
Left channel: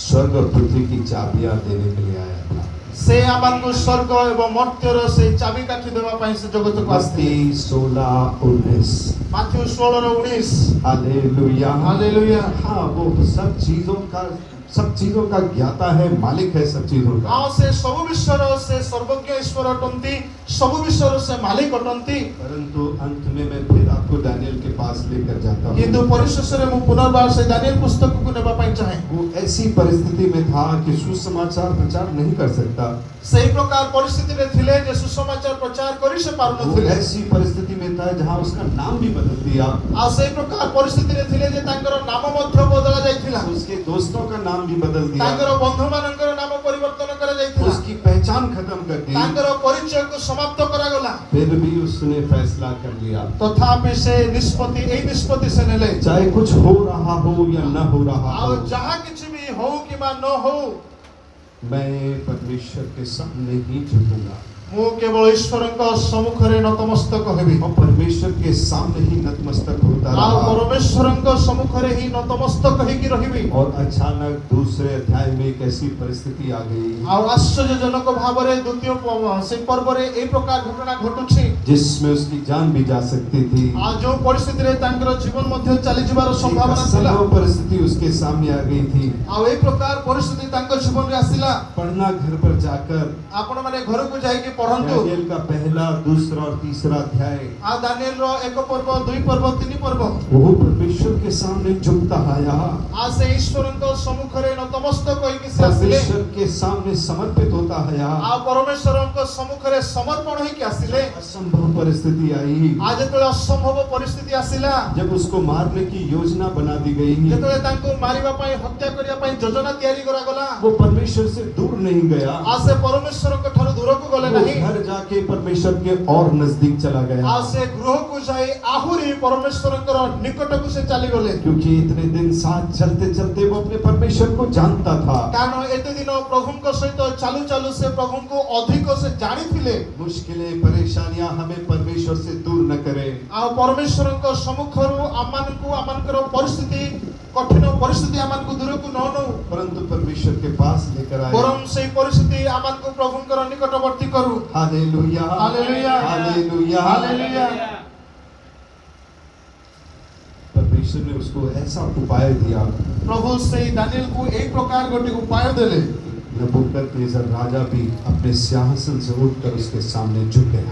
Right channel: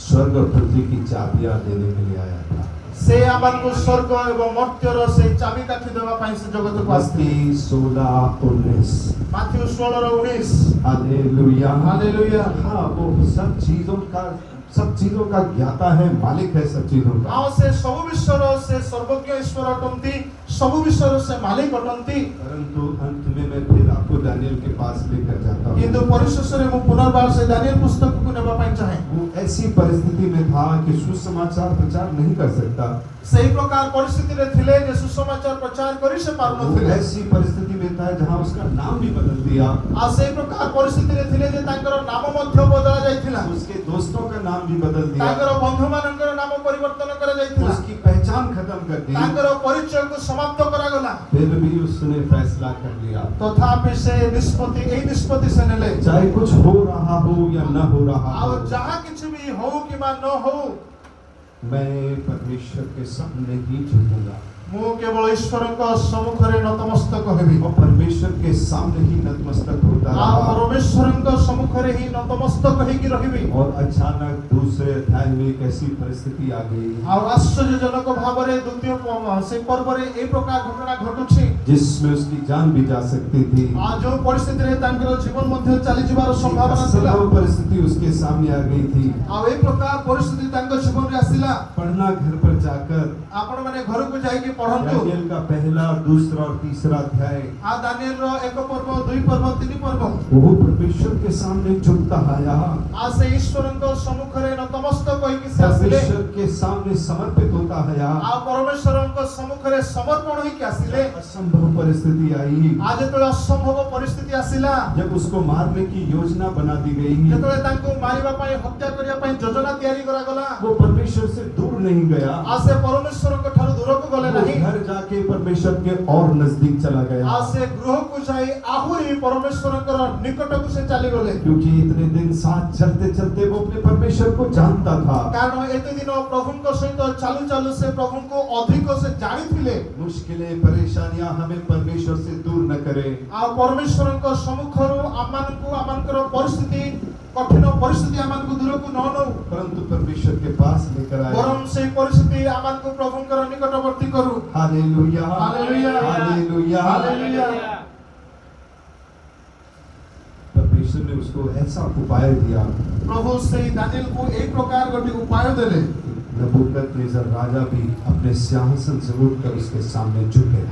स्वर्ग और पृथ्वी की चाबियां देने के लिए आया था। ସେ ଆମମାନଙ୍କୁ ସ୍ୱର୍ଗ ଏବଂ ମର୍ତ୍ତ୍ୟର ସେଇ ଚାବିକାଠି ଦେବା ପାଇଁ ସେ ଜଗତକୁ मत्ती ଆସିଥିଲେ 16:19। Matthew 16:19 hallelujah, hallelujah. हाँ, वो सब चीजों का ज्ञाता है, मालिक है सब चीजों का। ଆଉ ସେ ସବୁ ବିଷୟର ସେ ସର୍ବଜ୍ଞ ଈଶ୍ୱର ଅଟନ୍ତି ସବୁ ବିଷୟର ସେ ମାଲିକ ଅଟନ୍ତି परंतु अंत में मैं फिर आपको दानियल के पास लेकर जाता କିନ୍ତୁ हूँ। ପରିଶେଷରେ ମୁଁ ପୁନର୍ବାର ସେ ଦାନିଏଲ ପୁସ୍ତକକୁ ନେବା ପାଇଁ ଚାହେଁ वो ऐसी परिस्थिति में था कि सुसमाचार प्रचार नहीं कर सकता। ସେହି ପ୍ରକାର ପରିସ୍ଥିତିରେ ଥିଲେ ଯେ ସୁସମାଚାର ପ୍ରଚାର କରି ସେ वो ପାରୁନଥିଲେ ऐसी परिस्थिति में था जहाँ उसका नाम भी बदल दिया, ଆଉ ସେହି ପ୍ରକାର ପରିସ୍ଥିତିରେ ଥିଲେ ଯେ ତାଙ୍କର ନାମ ମଧ୍ୟ ବଦଳା ଯାଇଥିଲା उसके दोस्तों का नाम भी बदल दिया, ତାଙ୍କର ବନ୍ଧୁମାନଙ୍କର ନାମ ପରିବର୍ତ୍ତନ କରାଯାଇଥିଲା उसकी पहचान खत्म कर दी। ତାଙ୍କର ପରିଚୟକୁ ସମାପ୍ତ କରାଗଲା फिर भी उसने फैसला कर लिया, ତଥାପି ସେ ନିଷ୍ପତ୍ତି ସେ ନେଲେ चाहे कुछ हो रहा हो या न हो रहा ଆଉ हो, ଯାହା କିଛି ବି ହଉ କିମ୍ବା ନ ହଉ मैं परमेश्वर के सामने ही झुकूंगा ମୁଁ କେବଳ ଈଶ୍ୱରଙ୍କ ସମ୍ମୁଖରେ ନତମସ୍ତକ ହେବି और परमेश्वर के सामने ही नतमस्तक होता ଆଉ रहा। ପରମେଶ୍ୱରଙ୍କ ସମ୍ମୁଖରେ ହିଁ ନତମସ୍ତକ ହେଇକି ରହିବି और अचानक दूसरे अध्याय में एक ऐसी परिस्थिति आ गई ଆଉ ଆଶ୍ଚର୍ଯ୍ୟଜନକ ଭାବରେ ଦ୍ୱିତୀୟ ସେଇ ପର୍ବରେ ଏଇ ପ୍ରକାର ଘଟଣା ଘଟୁଛି जिसमें उसकी जान भी जा सकती थी। ଆଉ ଯୋଉ ପରିସ୍ଥିତିରେ ତାଙ୍କର ଜୀବନ ମଧ୍ୟ ଚାଲିଯିବାର एक ସମ୍ଭାବନା ଥିଲା असंभव परिस्थिति उसके सामने आ गई थी। ଆଉ ଏଇ ପ୍ରକାର ପରିସ୍ଥିତି ତାଙ୍କ ଜୀବନରେ ଆସିଲା पढ़ना घर पर जाकर ଆପଣ ମାନେ ଘରକୁ ଯାଇକି ପଢନ୍ତୁ दानिएल का पहला, दूसरा और तीसरा अध्याय। ଆଉ ଦାନିଏଲର 1 ପର୍ବ 2 ପର୍ବ 3 ପର୍ବ वो परमेश्वर के सामने झुकता आया, ଆଉ ସେ ଈଶ୍ୱରଙ୍କ ସମ୍ମୁଖରେ ନତମସ୍ତକ ହୋଇକି ସେ ଆସିଲେ परमेश्वर के सामने समर्पित होता आया। ଆଉ ପରମେଶ୍ୱରଙ୍କ ସମ୍ମୁଖରେ ସମର୍ପଣ ହୋଇକି ଆସିଲେ असंभव परिस्थिति आई ଆଉ ଯେତେବେଳେ ଅସମ୍ଭବ ପରିସ୍ଥିତି ଆସିଲା जब उसको मारने की योजना बना दी गई। ଯେତେବେଳେ ତାଙ୍କୁ ମାରିବା ପାଇଁ ହତ୍ୟା କରିବା ପାଇଁ ଯୋଜନା ତିଆରି କରାଗଲା वो परमेश्वर से दूर नहीं गया, ଆଉ ସେ ପରମେଶ୍ୱରଙ୍କ ଠାରୁ ଦୂରକୁ ଗଲେ वो ନାହିଁ घर जाके परमेश्वर के और नजदीक चला ଆଉ गया। ସେ ଗୃହକୁ ଯାଇ ଆହୁରି ପରମେଶ୍ୱରଙ୍କର ନିକଟକୁ ସେ ଚାଲିଗଲେ क्योंकि इतने दिन साथ चलते चलते वो अपने परमेश्वर को जानता था। କାରଣ ଏତେ ଦିନ ପ୍ରଭୁଙ୍କ ସହିତ ଚାଲୁ ଚାଲୁ ସେ ପ୍ରଭୁଙ୍କୁ ଅଧିକ ସେ ଜାଣିଥିଲେ मुश्किलें, परेशानियां हमें परमेश्वर से दूर न करे। ଆଉ ପରମେଶ୍ୱରଙ୍କ ସମ୍ମୁଖରୁ ଆମମାନଙ୍କର ପରିସ୍ଥିତି କଠିନ ପରିସ୍ଥିତି ଆମମାନଙ୍କୁ ଦୂରକୁ ନ ନଉ परंतु परमेश्वर के पास लेकर आए। ବରଂ ସେଇ ପରିସ୍ଥିତି ଆମମାନଙ୍କୁ ପ୍ରଭୁଙ୍କର ନିକଟବର୍ତ୍ତୀ କରୁ हालेलुया, हालेलुया, हालेलुया। ହାଲେଲୁୟା परमेश्वर ने उसको ऐसा उपाय दिया। ପ୍ରଭୁ ସେଇ ଦାନିଏଲକୁ ଏଇ ପ୍ରକାର ଗୋଟେ ଉପାୟ ଦେଲେ नबूकदनेस्सर राजा भी अपने सिंहासन से उठकर उसके सामने झुके।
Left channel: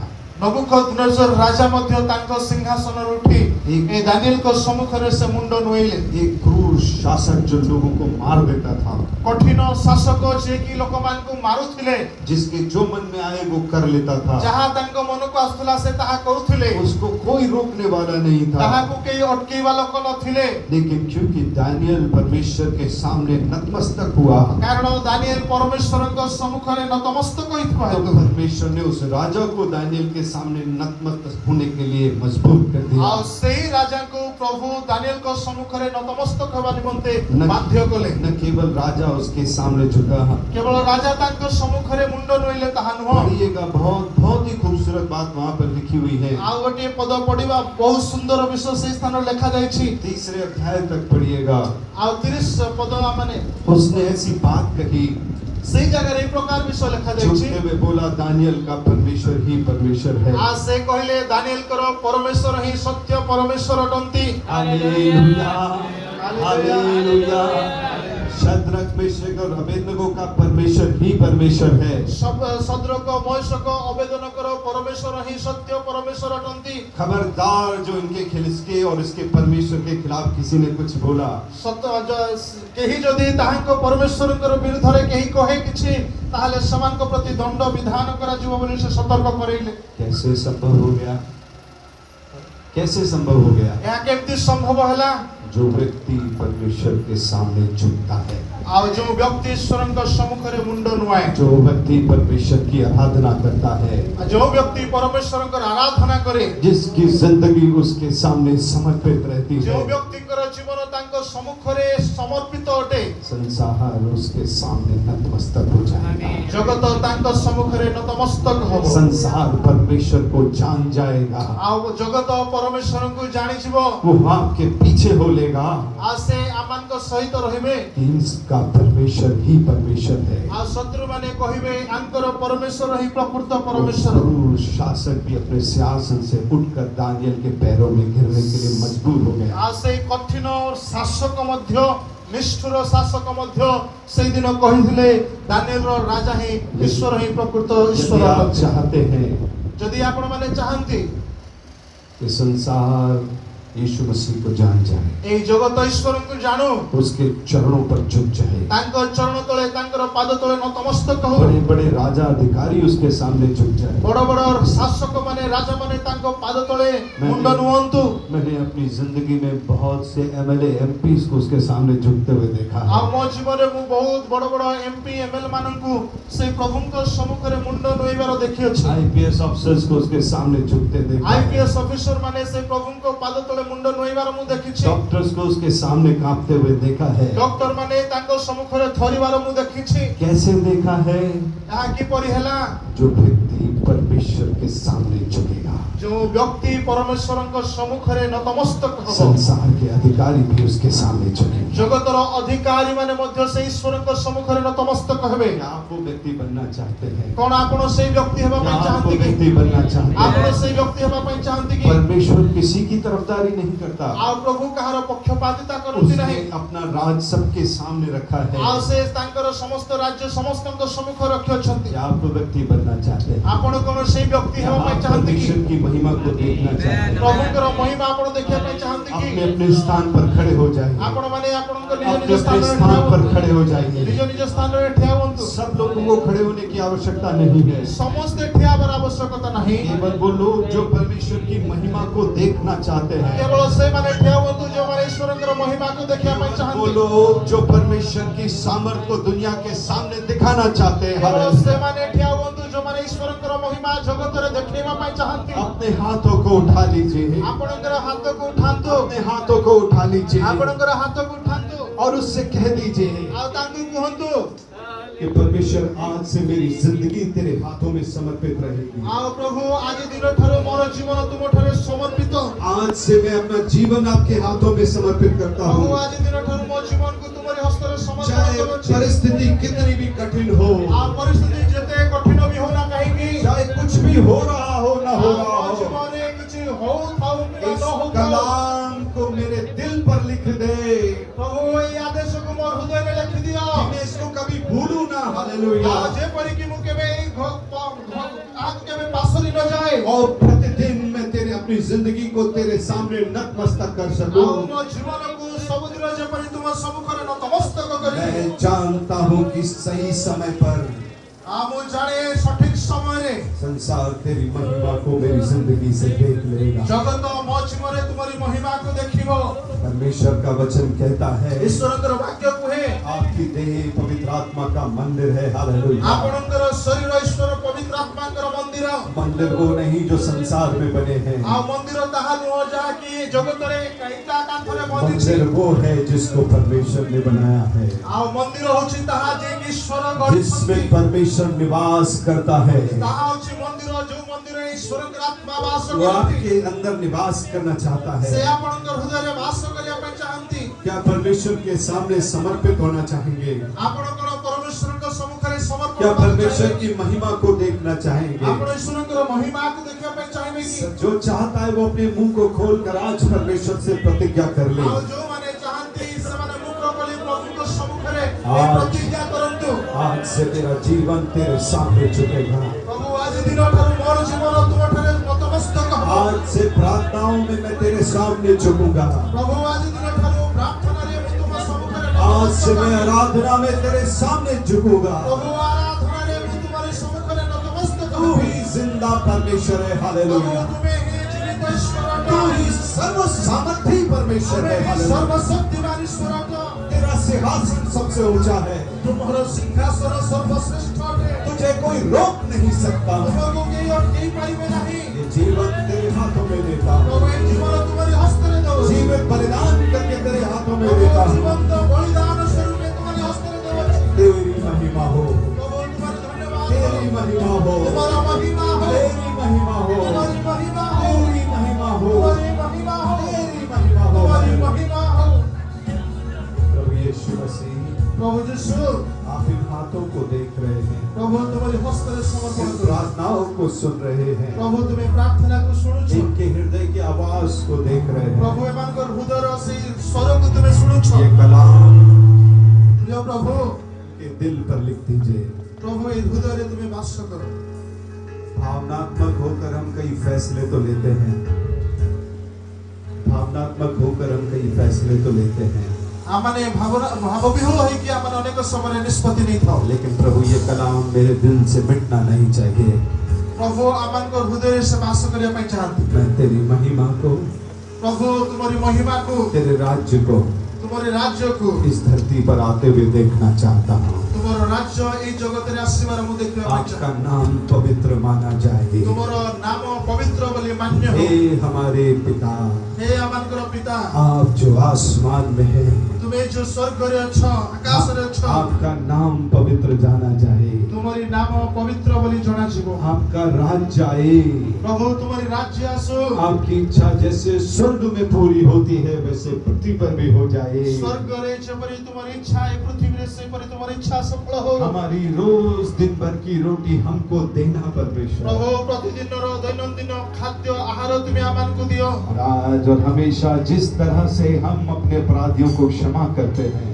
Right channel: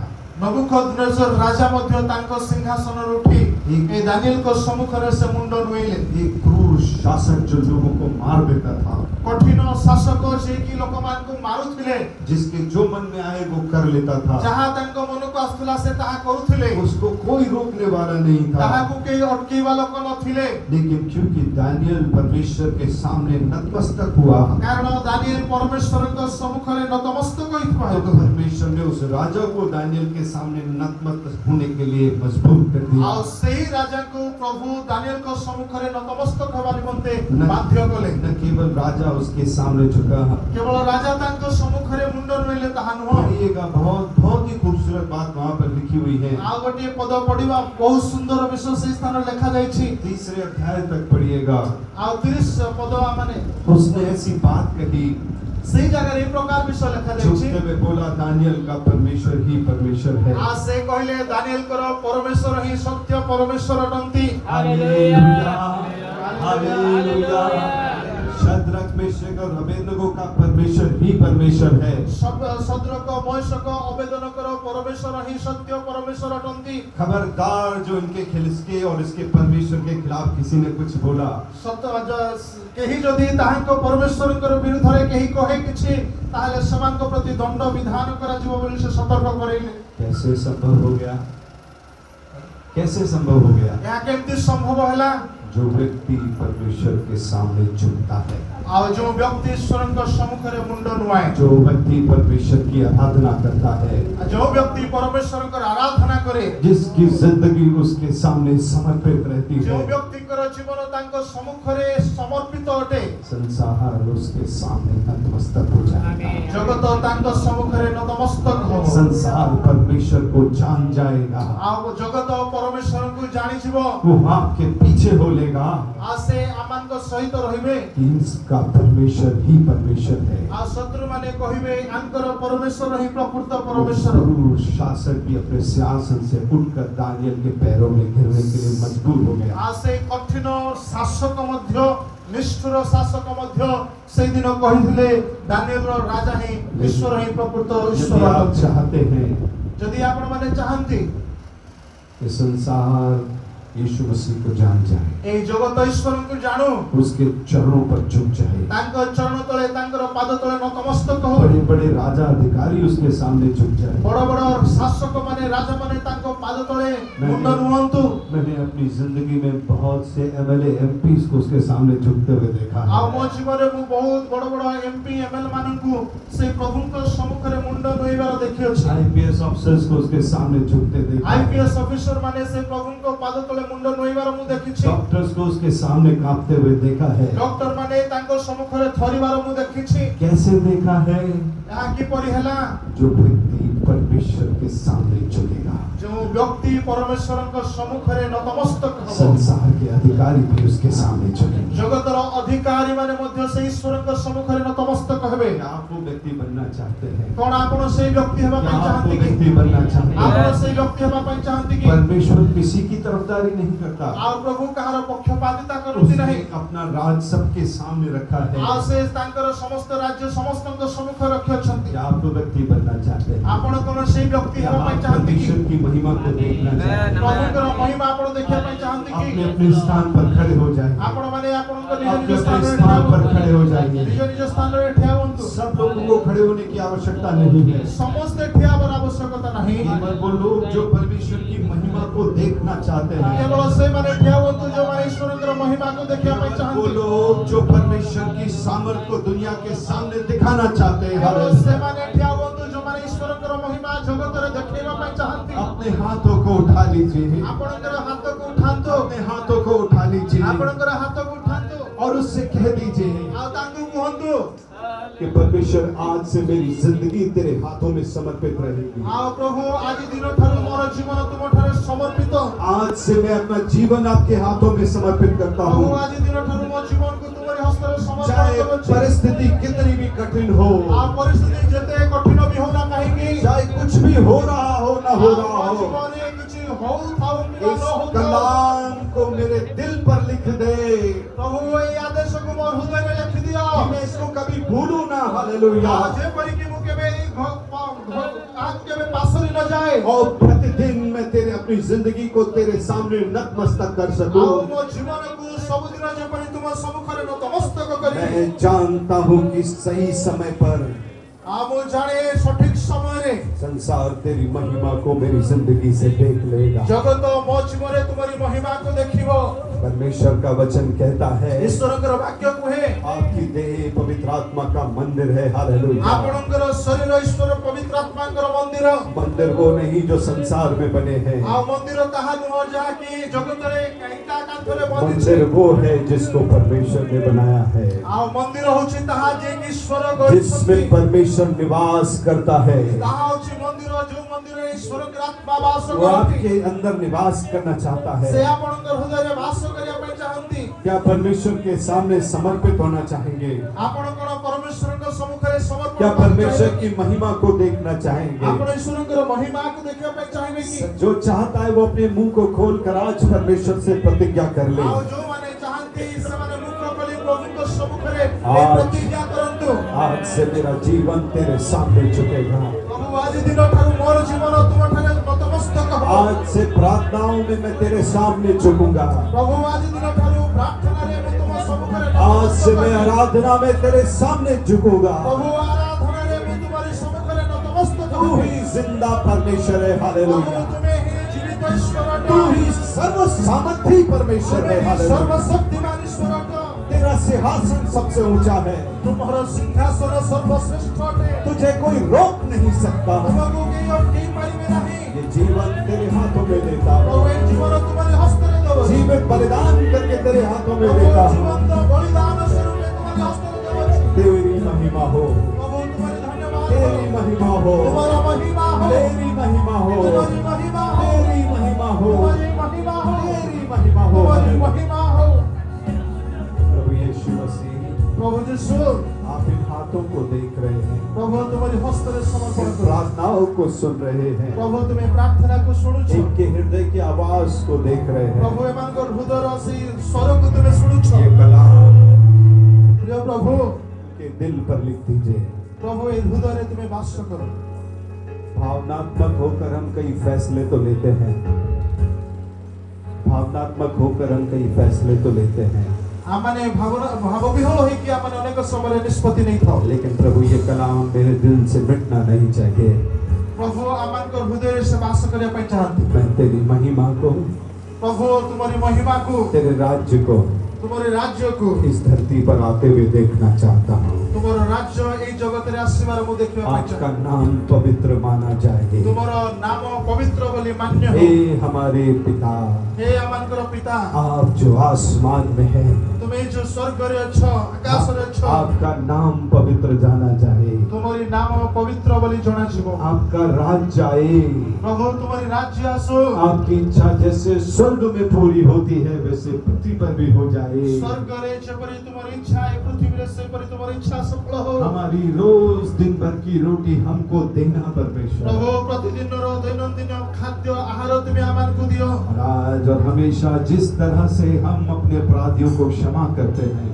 ନବୁକଦନେଜର ରାଜା ମଧ୍ୟ ତାଙ୍କ ସିଂହାସନରୁ ଉଠି ଏ ଦାନିଏଲଙ୍କ ସମ୍ମୁଖରେ ସେ ମୁଣ୍ଡ ନୁଆଇଲେ एक क्रूर शासक जो लोगों को मार देता था, କଠିନ ଶାସକ ଯିଏକି ଲୋକମାନଙ୍କୁ ମାରୁଥିଲେ जिसके जो मन में आए वो कर लेता था, ଯାହା ତାଙ୍କ ମନକୁ ଆସୁଥିଲା ସେ ତାହା କରୁଥିଲେ उसको कोई रोकने वाला नहीं था। ତାହାକୁ କେହି ଅଟକେଇବା ଲୋକ ନଥିଲେ लेकिन क्योंकि दानियल परमेश्वर के सामने नतमस्तक हुआ, କାରଣ ଦାନିଏଲ ପରମେଶ୍ୱରଙ୍କ ସମ୍ମୁଖରେ ନତମସ୍ତକ ହୋଇଥିବା तो ହେତୁ परमेश्वर ने उस राजा को दानियल के सामने नतमस्तक होने के लिए मजबूर कर दिया। ଆଉ ସେହି ରାଜାଙ୍କୁ ପ୍ରଭୁ ଦାନିଏଲଙ୍କ ସମ୍ମୁଖରେ ନତମସ୍ତକ ହେବା ନିମନ୍ତେ न ବାଧ୍ୟ କଲେ। न केवल राजा उसके सामने झुका। କେବଳ ରାଜା ତାଙ୍କ ସମ୍ମୁଖରେ ମୁଣ୍ଡ ନୁଆଇଲେ ତାହା ନୁହଁ। पढ़िएगा, बहुत बहुत ही खूबसूरत बात वहाँ पर लिखी हुई है। ଆଉ ଗୋଟିଏ ପଦ ପଢିବା ବହୁତ ସୁନ୍ଦର ବିଷୟ ସେହି ସ୍ଥାନରେ ଲେଖାଯାଇଛି। 3 अध्याय तक पढ़िएगा। ଆଉ 30 ପଦ ମାନେ उसने ऐसी बात कही, ସେହି ଜାଗାରେ ଏହି ପ୍ରକାର ବିଷୟ ଲେଖାଯାଇଛି। झुकते हुए बोला, दानियल का परमेश्वर ही परमेश्वर है। ଆଉ ସେ କହିଲେ ଦାନିଏଲଙ୍କର ପରମେଶ୍ୱର ହିଁ ସତ୍ୟ ପରମେଶ୍ୱର ଅଟନ୍ତି। Hallelujah, hallelujah. शद्रक, मेशक और अबेदनगो का परमेश्वर ही परमेश्वर है। ସଦ୍ରକ ମୈଶକ ଅବେଦନକର ପରମେଶ୍ୱର ହିଁ ସତ୍ୟ ପରମେଶ୍ୱର ଅଟନ୍ତି। खबरदार जो इनके खिलस्के और इसके परमेश्वर के खिलाफ किसी ने कुछ बोला, କେହି ଯଦି ତାହାଙ୍କ ପରମେଶ୍ୱରଙ୍କର ବିରୁଦ୍ଧରେ କେହି କହେ କିଛି, ତାହେଲେ ସେମାନଙ୍କ ପ୍ରତି ଦଣ୍ଡ ବିଧାନ କରାଯିବ ବୋଲି ସେ ସତର୍କ କରାଇଲେ। कैसे संभव हो गया? कैसे संभव हो गया? ଏହା କେମିତି ସମ୍ଭବ ହେଲା? जो व्यक्ति परमेश्वर के सामने झुकता है, ଆଉ ଯେଉଁ ବ୍ୟକ୍ତି ଈଶ୍ୱରଙ୍କ ସମ୍ମୁଖରେ ମୁଣ୍ଡ ନୁଆଏ, जो व्यक्ति परमेश्वर की आराधना करता है, ଯେଉଁ ବ୍ୟକ୍ତି ପରମେଶ୍ୱରଙ୍କର ଆରାଧନା କରେ, जिसकी जिंदगी उसके सामने समर्पित रहती ଯେଉଁ है, ବ୍ୟକ୍ତିଙ୍କର ଜୀବନ ତାଙ୍କ ସମ୍ମୁଖରେ ସମର୍ପିତ ଅଟେ, संसार उसके सामने नतमस्तक हो जाएगा। ଜଗତ ତାଙ୍କ ସମ୍ମୁଖରେ ନତମସ୍ତକ ହେବ। संसार परमेश्वर को जान जाएगा। ଆଉ ଜଗତ ପରମେଶ୍ୱରଙ୍କୁ ଜାଣିଯିବ। वो आपके पीछे हो लेगा ଆଉ ସେ ଆମମାନଙ୍କ ସହିତ ରହିବେ। कि इसका परमेश्वर ही परमेश्वर है। ଆଉ ଶତ୍ରୁମାନେ କହିବେ ଆଙ୍କର ପରମେଶ୍ୱର ହିଁ ପ୍ରକୃତ वो ପରମେଶ୍ୱର। क्रूर शासक भी अपने सिंहासन से उठकर दानियल के पैरों में गिरने के लिए मजबूर हो गया। ଆଉ ସେଇ କଠିନ ଶାସକ ମଧ୍ୟ, ନିଷ୍ଠୁର ଶାସକ ମଧ୍ୟ ସେଇଦିନ କହିଥିଲେ ଦାନିଏଲର ରାଜା ହିଁ ଈଶ୍ୱର ହିଁ ପ୍ରକୃତ यदि ଈଶ୍ୱର आप ଅଟନ୍ତି। चाहते हैं ଯଦି ଆପଣମାନେ ଚାହାନ୍ତି कि संसार यीशु मसीह को जान जाए, ଏଇ ଜଗତ ଈଶ୍ୱରଙ୍କୁ ଜାଣୁ, उसके चरणों पर झुक जाए, ତାଙ୍କ ଚରଣ ତଳେ ତାଙ୍କର ପାଦ ତଳେ ନତମସ୍ତକ ହଉ, बड़े बड़े राजा अधिकारी उसके सामने झुक जाए। ବଡ଼ ବଡ଼ ଶାସକ ମାନେ ରାଜା ମାନେ ତାଙ୍କ ପାଦ ତଳେ ମୁଣ୍ଡ ନୁଅନ୍ତୁ। मैंने अपनी जिंदगी में बहुत से एमएलए एमपी को उसके सामने झुकते हुए देखा है। ଆଉ ମୋ ଜୀବନରେ ମୁଁ ବହୁତ ବଡ଼ ବଡ଼ ଏମପି ଏମଏଲ ମାନଙ୍କୁ ସେଇ ପ୍ରଭୁଙ୍କ ସମ୍ମୁଖରେ ମୁଣ୍ଡ ନୁଆଇବାର ଦେଖିଅଛି। आईपीएस अफसर्स को उसके सामने झुकते देखा है। ଆଇପିଏସ୍ ଅଫିସର ମାନେ ସେଇ ପ୍ରଭୁଙ୍କ ପାଦ ତଳେ ମୁଣ୍ଡ ନୁଆଇବାର ମୁଁ ଦେଖିଛି। डॉक्टर्स को उसके सामने कांपते हुए देखा है। ଡକ୍ଟର ମାନେ ତାଙ୍କ ସମ୍ମୁଖରେ ଥରିବାର ମୁଁ ଦେଖିଛି। कैसे देखा है? ଏହା କିପରି ହେଲା? जो व्यक्ति परमेश्वर के सामने झुकेगा, ଯେଉଁ ବ୍ୟକ୍ତି ପରମେଶ୍ୱରଙ୍କ ସମ୍ମୁଖରେ ନତମସ୍ତକ ହେବ, संसार के अधिकारी भी उसके सामने झुकेंगे। ଜଗତର ଅଧିକାରୀ ମାନେ ମଧ୍ୟ ସେଇ ଈଶ୍ୱରଙ୍କ ସମ୍ମୁଖରେ ନତମସ୍ତକ ହେବେ। क्या आप वो व्यक्ति बनना चाहते हैं? କଣ ଆପଣ ସେଇ ବ୍ୟକ୍ତି ହେବା क्या ପାଇଁ आप वो ଚାହାନ୍ତି କି? व्यक्ति बनना चाहते ଆପଣ हैं? ସେଇ ବ୍ୟକ୍ତି ହେବା ପାଇଁ ଚାହାନ୍ତି କି? परमेश्वर किसी की तरफदारी नहीं करता। ଆଉ ପ୍ରଭୁ କାହାର ପକ୍ଷପାତିତା କରନ୍ତି ନାହିଁ। उसने अपना राज सबके सामने रखा ଆଉ है। ସେ ତାଙ୍କର ସମସ୍ତ ରାଜ୍ୟ ସମସ୍ତଙ୍କ ସମ୍ମୁଖରେ ରଖିଅଛନ୍ତି। क्या आप वो व्यक्ति बनना चाहते हैं? ଆପଣ କଣ ସେଇ ବ୍ୟକ୍ତି क्या ହେବା ପାଇଁ आप ଚାହାନ୍ତି କି? परमेश्वर की महिमा को देखना चाहते हैं? ପ୍ରଭୁଙ୍କର ମହିମା ଆପଣ ଦେଖିବା ପାଇଁ ଚାହାନ୍ତି କି? अपने अपने स्थान पर खड़े हो जाएंगे। ଆପଣ ମାନେ ଆପଣଙ୍କ ନିଜ अपने ନିଜ अपने ସ୍ଥାନରେ स्थान ଠିଆ पर ହୁଅନ୍ତୁ। खड़े हो जाएंगे। ନିଜ ନିଜ ସ୍ଥାନରେ ଠିଆ ହୁଅନ୍ତୁ। सब लोगों को खड़े होने की आवश्यकता नहीं है। ସମସ୍ତେ ଠିଆ ହେବାର ଆବଶ୍ୟକତା ନାହିଁ। केवल वो लोग जो परमेश्वर की महिमा को देखना चाहते हैं, କେବଳ ସେଇମାନେ ଠିଆ ହୁଅନ୍ତୁ ଯେଉଁମାନେ ଈଶ୍ୱରଙ୍କର ମହିମାକୁ ଦେଖିବା ପାଇଁ वो ଚାହାନ୍ତି। लोग जो परमेश्वर की सामर्थ को दुनिया के सामने दिखाना चाहते हैं, କେବଳ ସେମାନେ ଠିଆ ହୁଅନ୍ତୁ ଯେଉଁମାନେ ଈଶ୍ୱରଙ୍କର ମହିମା ଜଗତରେ ଦେଖେଇବା ପାଇଁ ଚାହାନ୍ତି। अपने हाथों को उठा लीजिए, ଆପଣଙ୍କର ହାତକୁ ଉଠାନ୍ତୁ। अपने हाथों को उठा लीजिए ଆପଣଙ୍କର ହାତକୁ ଉଠାନ୍ତୁ। और उससे कह दीजिए ଆଉ ତାଙ୍କୁ କୁହନ୍ତୁ कि परमेश्वर आज से मेरी जिंदगी तेरे हाथों में समर्पित रहेगी। ଆଉ ପ୍ରଭୁ ଆଜି ଦିନଠାରୁ ମୋର ଜୀବନ ତୁମଠାରେ ସମର୍ପିତ। आज से मैं अपना जीवन आपके हाथों में समर्पित करता ପ୍ରଭୁ हूँ। ଆଜି ଦିନଠାରୁ ମୋ ଜୀବନକୁ ତୁମରି ହସ୍ତରେ ସମର୍ପଣ चाहे କରୁଛି। परिस्थिति कितनी भी कठिन हो, ଆଉ ପରିସ୍ଥିତି ଯେତେ କଠିନ ବି ହଉ ନା କାହିଁକି, चाहे कुछ भी हो रहा हो ना हो ଆଉ रहा ମୋ हो, ଜୀବନରେ କିଛି ହଉଥାଉ କିମ୍ବା इस ନ ହଉଥାଉ, कलाम को मेरे दिल पर लिख दे ପ୍ରଭୁ ଏଇ ଆଦେଶକୁ ମୋ ହୃଦୟରେ ଲେଖିଦିଅ। कि मैं इसको कभी भूलूं ना। हालेलुया। ଆଉ ଯେପରିକି ମୁଁ କେବେ ଏଇ ତାହାକୁ କେବେ ପାସୋରି ନ ଯାଏ। और प्रतिदिन मैं तेरे अपनी जिंदगी को तेरे सामने नतमस्तक कर ଆଉ सकूं। ମୋ ଜୀବନକୁ ସବୁଦିନ ଯେପରି ତୁମ ସମ୍ମୁଖରେ ନତମସ୍ତକ କରିବି। मैं जानता हूँ कि सही समय पर ଆଉ ମୁଁ ଜାଣେ ସଠିକ ସମୟରେ संसार तेरी महिमा को मेरी जिंदगी से देख लेगा। ଜଗତ ମୋ ଜୀବନରେ ତୁମରି ମହିମାକୁ ଦେଖିବ। परमेश्वर का वचन कहता है ଈଶ୍ୱରଙ୍କର ବାକ୍ୟ କୁହେ आपकी देह पवित्र आत्मा का मंदिर है। हालेलुया। ଆପଣଙ୍କର ଶରୀର ଈଶ୍ୱର ପବିତ୍ର ଆତ୍ମା ସେମାନଙ୍କର ମନ୍ଦିର मंदिर वो नहीं जो संसार में बने हैं। ଆଉ ମନ୍ଦିର ତାହା ନୁହଁ ଯାହାକି ଜଗତରେ ଇଟା କାନ୍ଥରେ ବନିଛି मंदिर वो है जिसको परमेश्वर ने बनाया है, ଆଉ ମନ୍ଦିର ହଉଛି ତାହା ଯିଏକି ଈଶ୍ୱର जिसमें ଗଢ଼ିଛନ୍ତି परमेश्वर निवास करता है। ତାହା ହଉଛି ମନ୍ଦିର ଯୋଉ ମନ୍ଦିରରେ ଈଶ୍ୱରଙ୍କର ଆତ୍ମା ବାସ वो କରନ୍ତି आपके अंदर निवास करना चाहता ସେ है। ଆପଣଙ୍କର ହୃଦୟରେ ବାସ କରିବା ପାଇଁ ଚାହାନ୍ତି क्या परमेश्वर के सामने समर्पित होना चाहेंगे? ଆପଣ କଣ ପରମେଶ୍ୱରଙ୍କ ସମ୍ମୁଖରେ ସମର୍ପଣ क्या କରିବାକୁ परमेश्वर ଚାହିଁବେ? की महिमा को देखना चाहेंगे? ଆପଣ ଈଶ୍ୱରଙ୍କର ମହିମାକୁ ଦେଖିବା ପାଇଁ ଚାହିଁବେ କି जो चाहता है वो अपने मुंह को खोल कर आज परमेश्वर से प्रतिज्ञा कर ले। ଆଉ ଯୋଉମାନେ ଚାହାନ୍ତି ସେମାନେ ମୁଖ ଖୋଲି ପ୍ରଭୁଙ୍କ ସମ୍ମୁଖରେ ହଁ। ଏହି ପ୍ରତିଜ୍ଞା କରନ୍ତୁ आज से तेरा जीवन तेरे सामने झुकेगा। ପ୍ରଭୁ ଆଜି ଦିନଠାରୁ ମୋର ଜୀବନ ତୁମଠାରେ ନତମସ୍ତକ ହେବ आज से प्रार्थनाओं में मैं तेरे सामने झुकूंगा। ପ୍ରଭୁ ଆଜି ଦିନଠାରୁ ପ୍ରାର୍ଥନାରେ ମୁଁ ତୁମ ସମ୍ମୁଖରେ आज से ନତମସ୍ତକ मैं ହେବି। आराधना में तेरे सामने झुकूंगा। ପ୍ରଭୁ ଆରାଧନାରେ ମୁଁ ତୁମରି ସମ୍ମୁଖରେ ନତମସ୍ତକ तू ହେବି। ही जिंदा परमेश्वर है। ପ୍ରଭୁ हालेलुया। ତୁମେ ହିଁ ଜୀବିତ ଈଶ୍ୱର तू ही सर्व सामर्थी परमेश्वर है। हालेलुया। ସର୍ବଶକ୍ତିମାନ ଈଶ୍ୱର तेरा सिंहासन सबसे ऊंचा है। ତୁମର ସିଂହାସନ ସର୍ବଶ୍ରେଷ୍ଠ ଅଟେ तुझे कोई रोक नहीं सकता। ତୁମକୁ କେହି ଅଟକେଇ ପାରିବେ ନାହିଁ ये जीवन तेरे हाथों में देता ପ୍ରଭୁ हूँ। ଏହି ଜୀବନ ତୁମରି ହସ୍ତରେ ଦେବ जीवित बलिदान करके तेरे हाथों में ପ୍ରଭୁ देता हूँ। ଜୀବନ୍ତ ବଳିଦାନ ସ୍ୱରୂପେ ତୁମରି ହସ୍ତରେ ଦେଉଛି तेरी महिमा हो, ପ୍ରଭୁ ତୁମରି ଧନ୍ୟବାଦ तेरी महिमा हो, ତୁମର ମହିମା ହଉ तेरी महिमा हो, ତୁମରି ମହିମା ହଉ तेरी महिमा हो, ତୁମରି ମହିମା ହଉ तेरी महिमा हो। ତୁମରି ମହିମା ହଉ प्रभु यीशु मसीह, ପ୍ରଭୁ ଯୀଶୁ आप इन हाथों को देख रहे हैं, ପ୍ରଭୁ ତୁମରି ହସ୍ତରେ ସମର୍ପଣ इन କର प्रार्थनाओं को सुन रहे हैं, ପ୍ରଭୁ ତୁମେ ପ୍ରାର୍ଥନାକୁ ଶୁଣୁଛ इनके हृदय की आवाज को देख रहे हैं। ପ୍ରଭୁ ଏମାନଙ୍କର ହୃଦୟର ସେଇ ସ୍ୱରକୁ ତୁମେ ଶୁଣୁଛ ये कलाम ପ୍ରିୟ ପ୍ରଭୁ के दिल पर लिख दीजिए। ପ୍ରଭୁ ଏ ହୃଦୟରେ ତୁମେ ବାସ କର भावनात्मक होकर हम कई फैसले तो लेते हैं, भावनात्मक होकर हम कई फैसले तो लेते हैं, ଆମମାନେ ଭାବବିହ୍ୱଳ ହେଇକି ଆମମାନେ ଅନେକ ସମୟରେ ନିଷ୍ପତ୍ତି ନେଇଥାଉ लेकिन प्रभु ये कलाम मेरे दिल से मिटना नहीं चाहिए। ପ୍ରଭୁ ଆମମାନଙ୍କ ହୃଦୟରେ ସେ ବାସ କରିବା ପାଇଁ ଚାହାନ୍ତି मैं तेरी महिमा को, ପ୍ରଭୁ ତୁମରି ମହିମାକୁ तेरे राज्य को ତୁମରି ରାଜ୍ୟକୁ इस धरती पर आते हुए देखना चाहता हूँ। ତୁମର ରାଜ୍ୟ ଏଇ ଜଗତରେ ଆସିବାର ମୁଁ ଦେଖିବା ପାଇଁ आपका ଚାହେଁ नाम पवित्र माना जाए। ତୁମର ନାମ ପବିତ୍ର ବୋଲି ମାନ୍ୟ हे ହଉ हमारे पिता, ହେ ଆମମାନଙ୍କର ପିତା आप जो आसमान में हैं, ତୁମେ ଯୋଉ ସ୍ୱର୍ଗରେ ଅଛ ଆକାଶରେ ଅଛ आपका नाम पवित्र जाना जाए। ତୁମରି ନାମ ପବିତ୍ର ବୋଲି ଜଣାଯିବ आपका राज्य आए। ପ୍ରଭୁ ତୁମରି ରାଜ୍ୟ ଆସୁ आपकी इच्छा जैसे स्वर्ग में पूरी होती है वैसे पृथ्वी पर भी हो जाए। ସ୍ୱର୍ଗରେ ଯେପରି ତୁମର ଇଚ୍ଛା ଏ ପୃଥିବୀରେ ସେପରି ତୁମର ଇଚ୍ଛା ସଫଳ ହଉ हमारी रोज दिन भर की रोटी हमको देना परमेश्वर। ପ୍ରଭୁ ପ୍ରତିଦିନର ଦୈନନ୍ଦିନ ଖାଦ୍ୟ ଆହାର ତୁମେ ଆମମାନଙ୍କୁ ଦିଅ और आज और हमेशा जिस तरह से हम अपने अपराधियों को क्षमा करते हैं,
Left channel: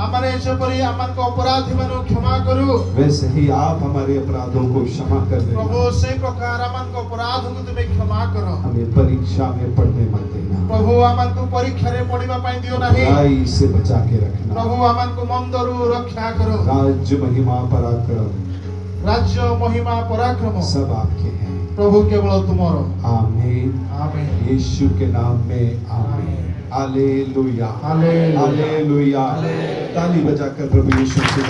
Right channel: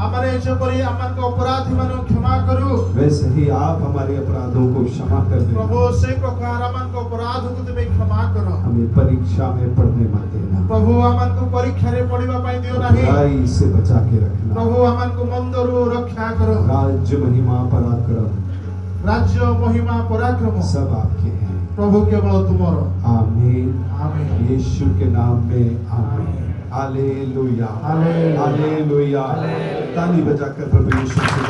ଆମମାନେ ଯେପରି ଆମମାନଙ୍କ ଅପରାଧୀ ମାନଙ୍କୁ କ୍ଷମା କରୁ वैसे ही आप हमारे अपराधों को क्षमा कर ପ୍ରଭୁ देना। ସେଇ ପ୍ରକାର ଆମମାନଙ୍କ ଅପରାଧକୁ ତୁମେ କ୍ଷମା କର हमें परीक्षा में पढ़ने मत देना, ପ୍ରଭୁ ଆମମାନଙ୍କୁ ପରୀକ୍ଷାରେ ପଢିବା ପାଇଁ ଦିଅ ନାହିଁ बुराई से बचा के रखना। ପ୍ରଭୁ ଆମମାନଙ୍କୁ ମନ୍ଦରୁ ରକ୍ଷା କର राज्य महिमा पराक्रम ରାଜ୍ୟ ମହିମା ପରାକ୍ରମ सब आपके हैं। ପ୍ରଭୁ କେବଳ ତୁମର आमीन। ଆମେନ୍ यीशु के नाम में आमीन। Hallelujah, hallelujah. हालेलुया। ताली बजाकर प्रभु यीशु से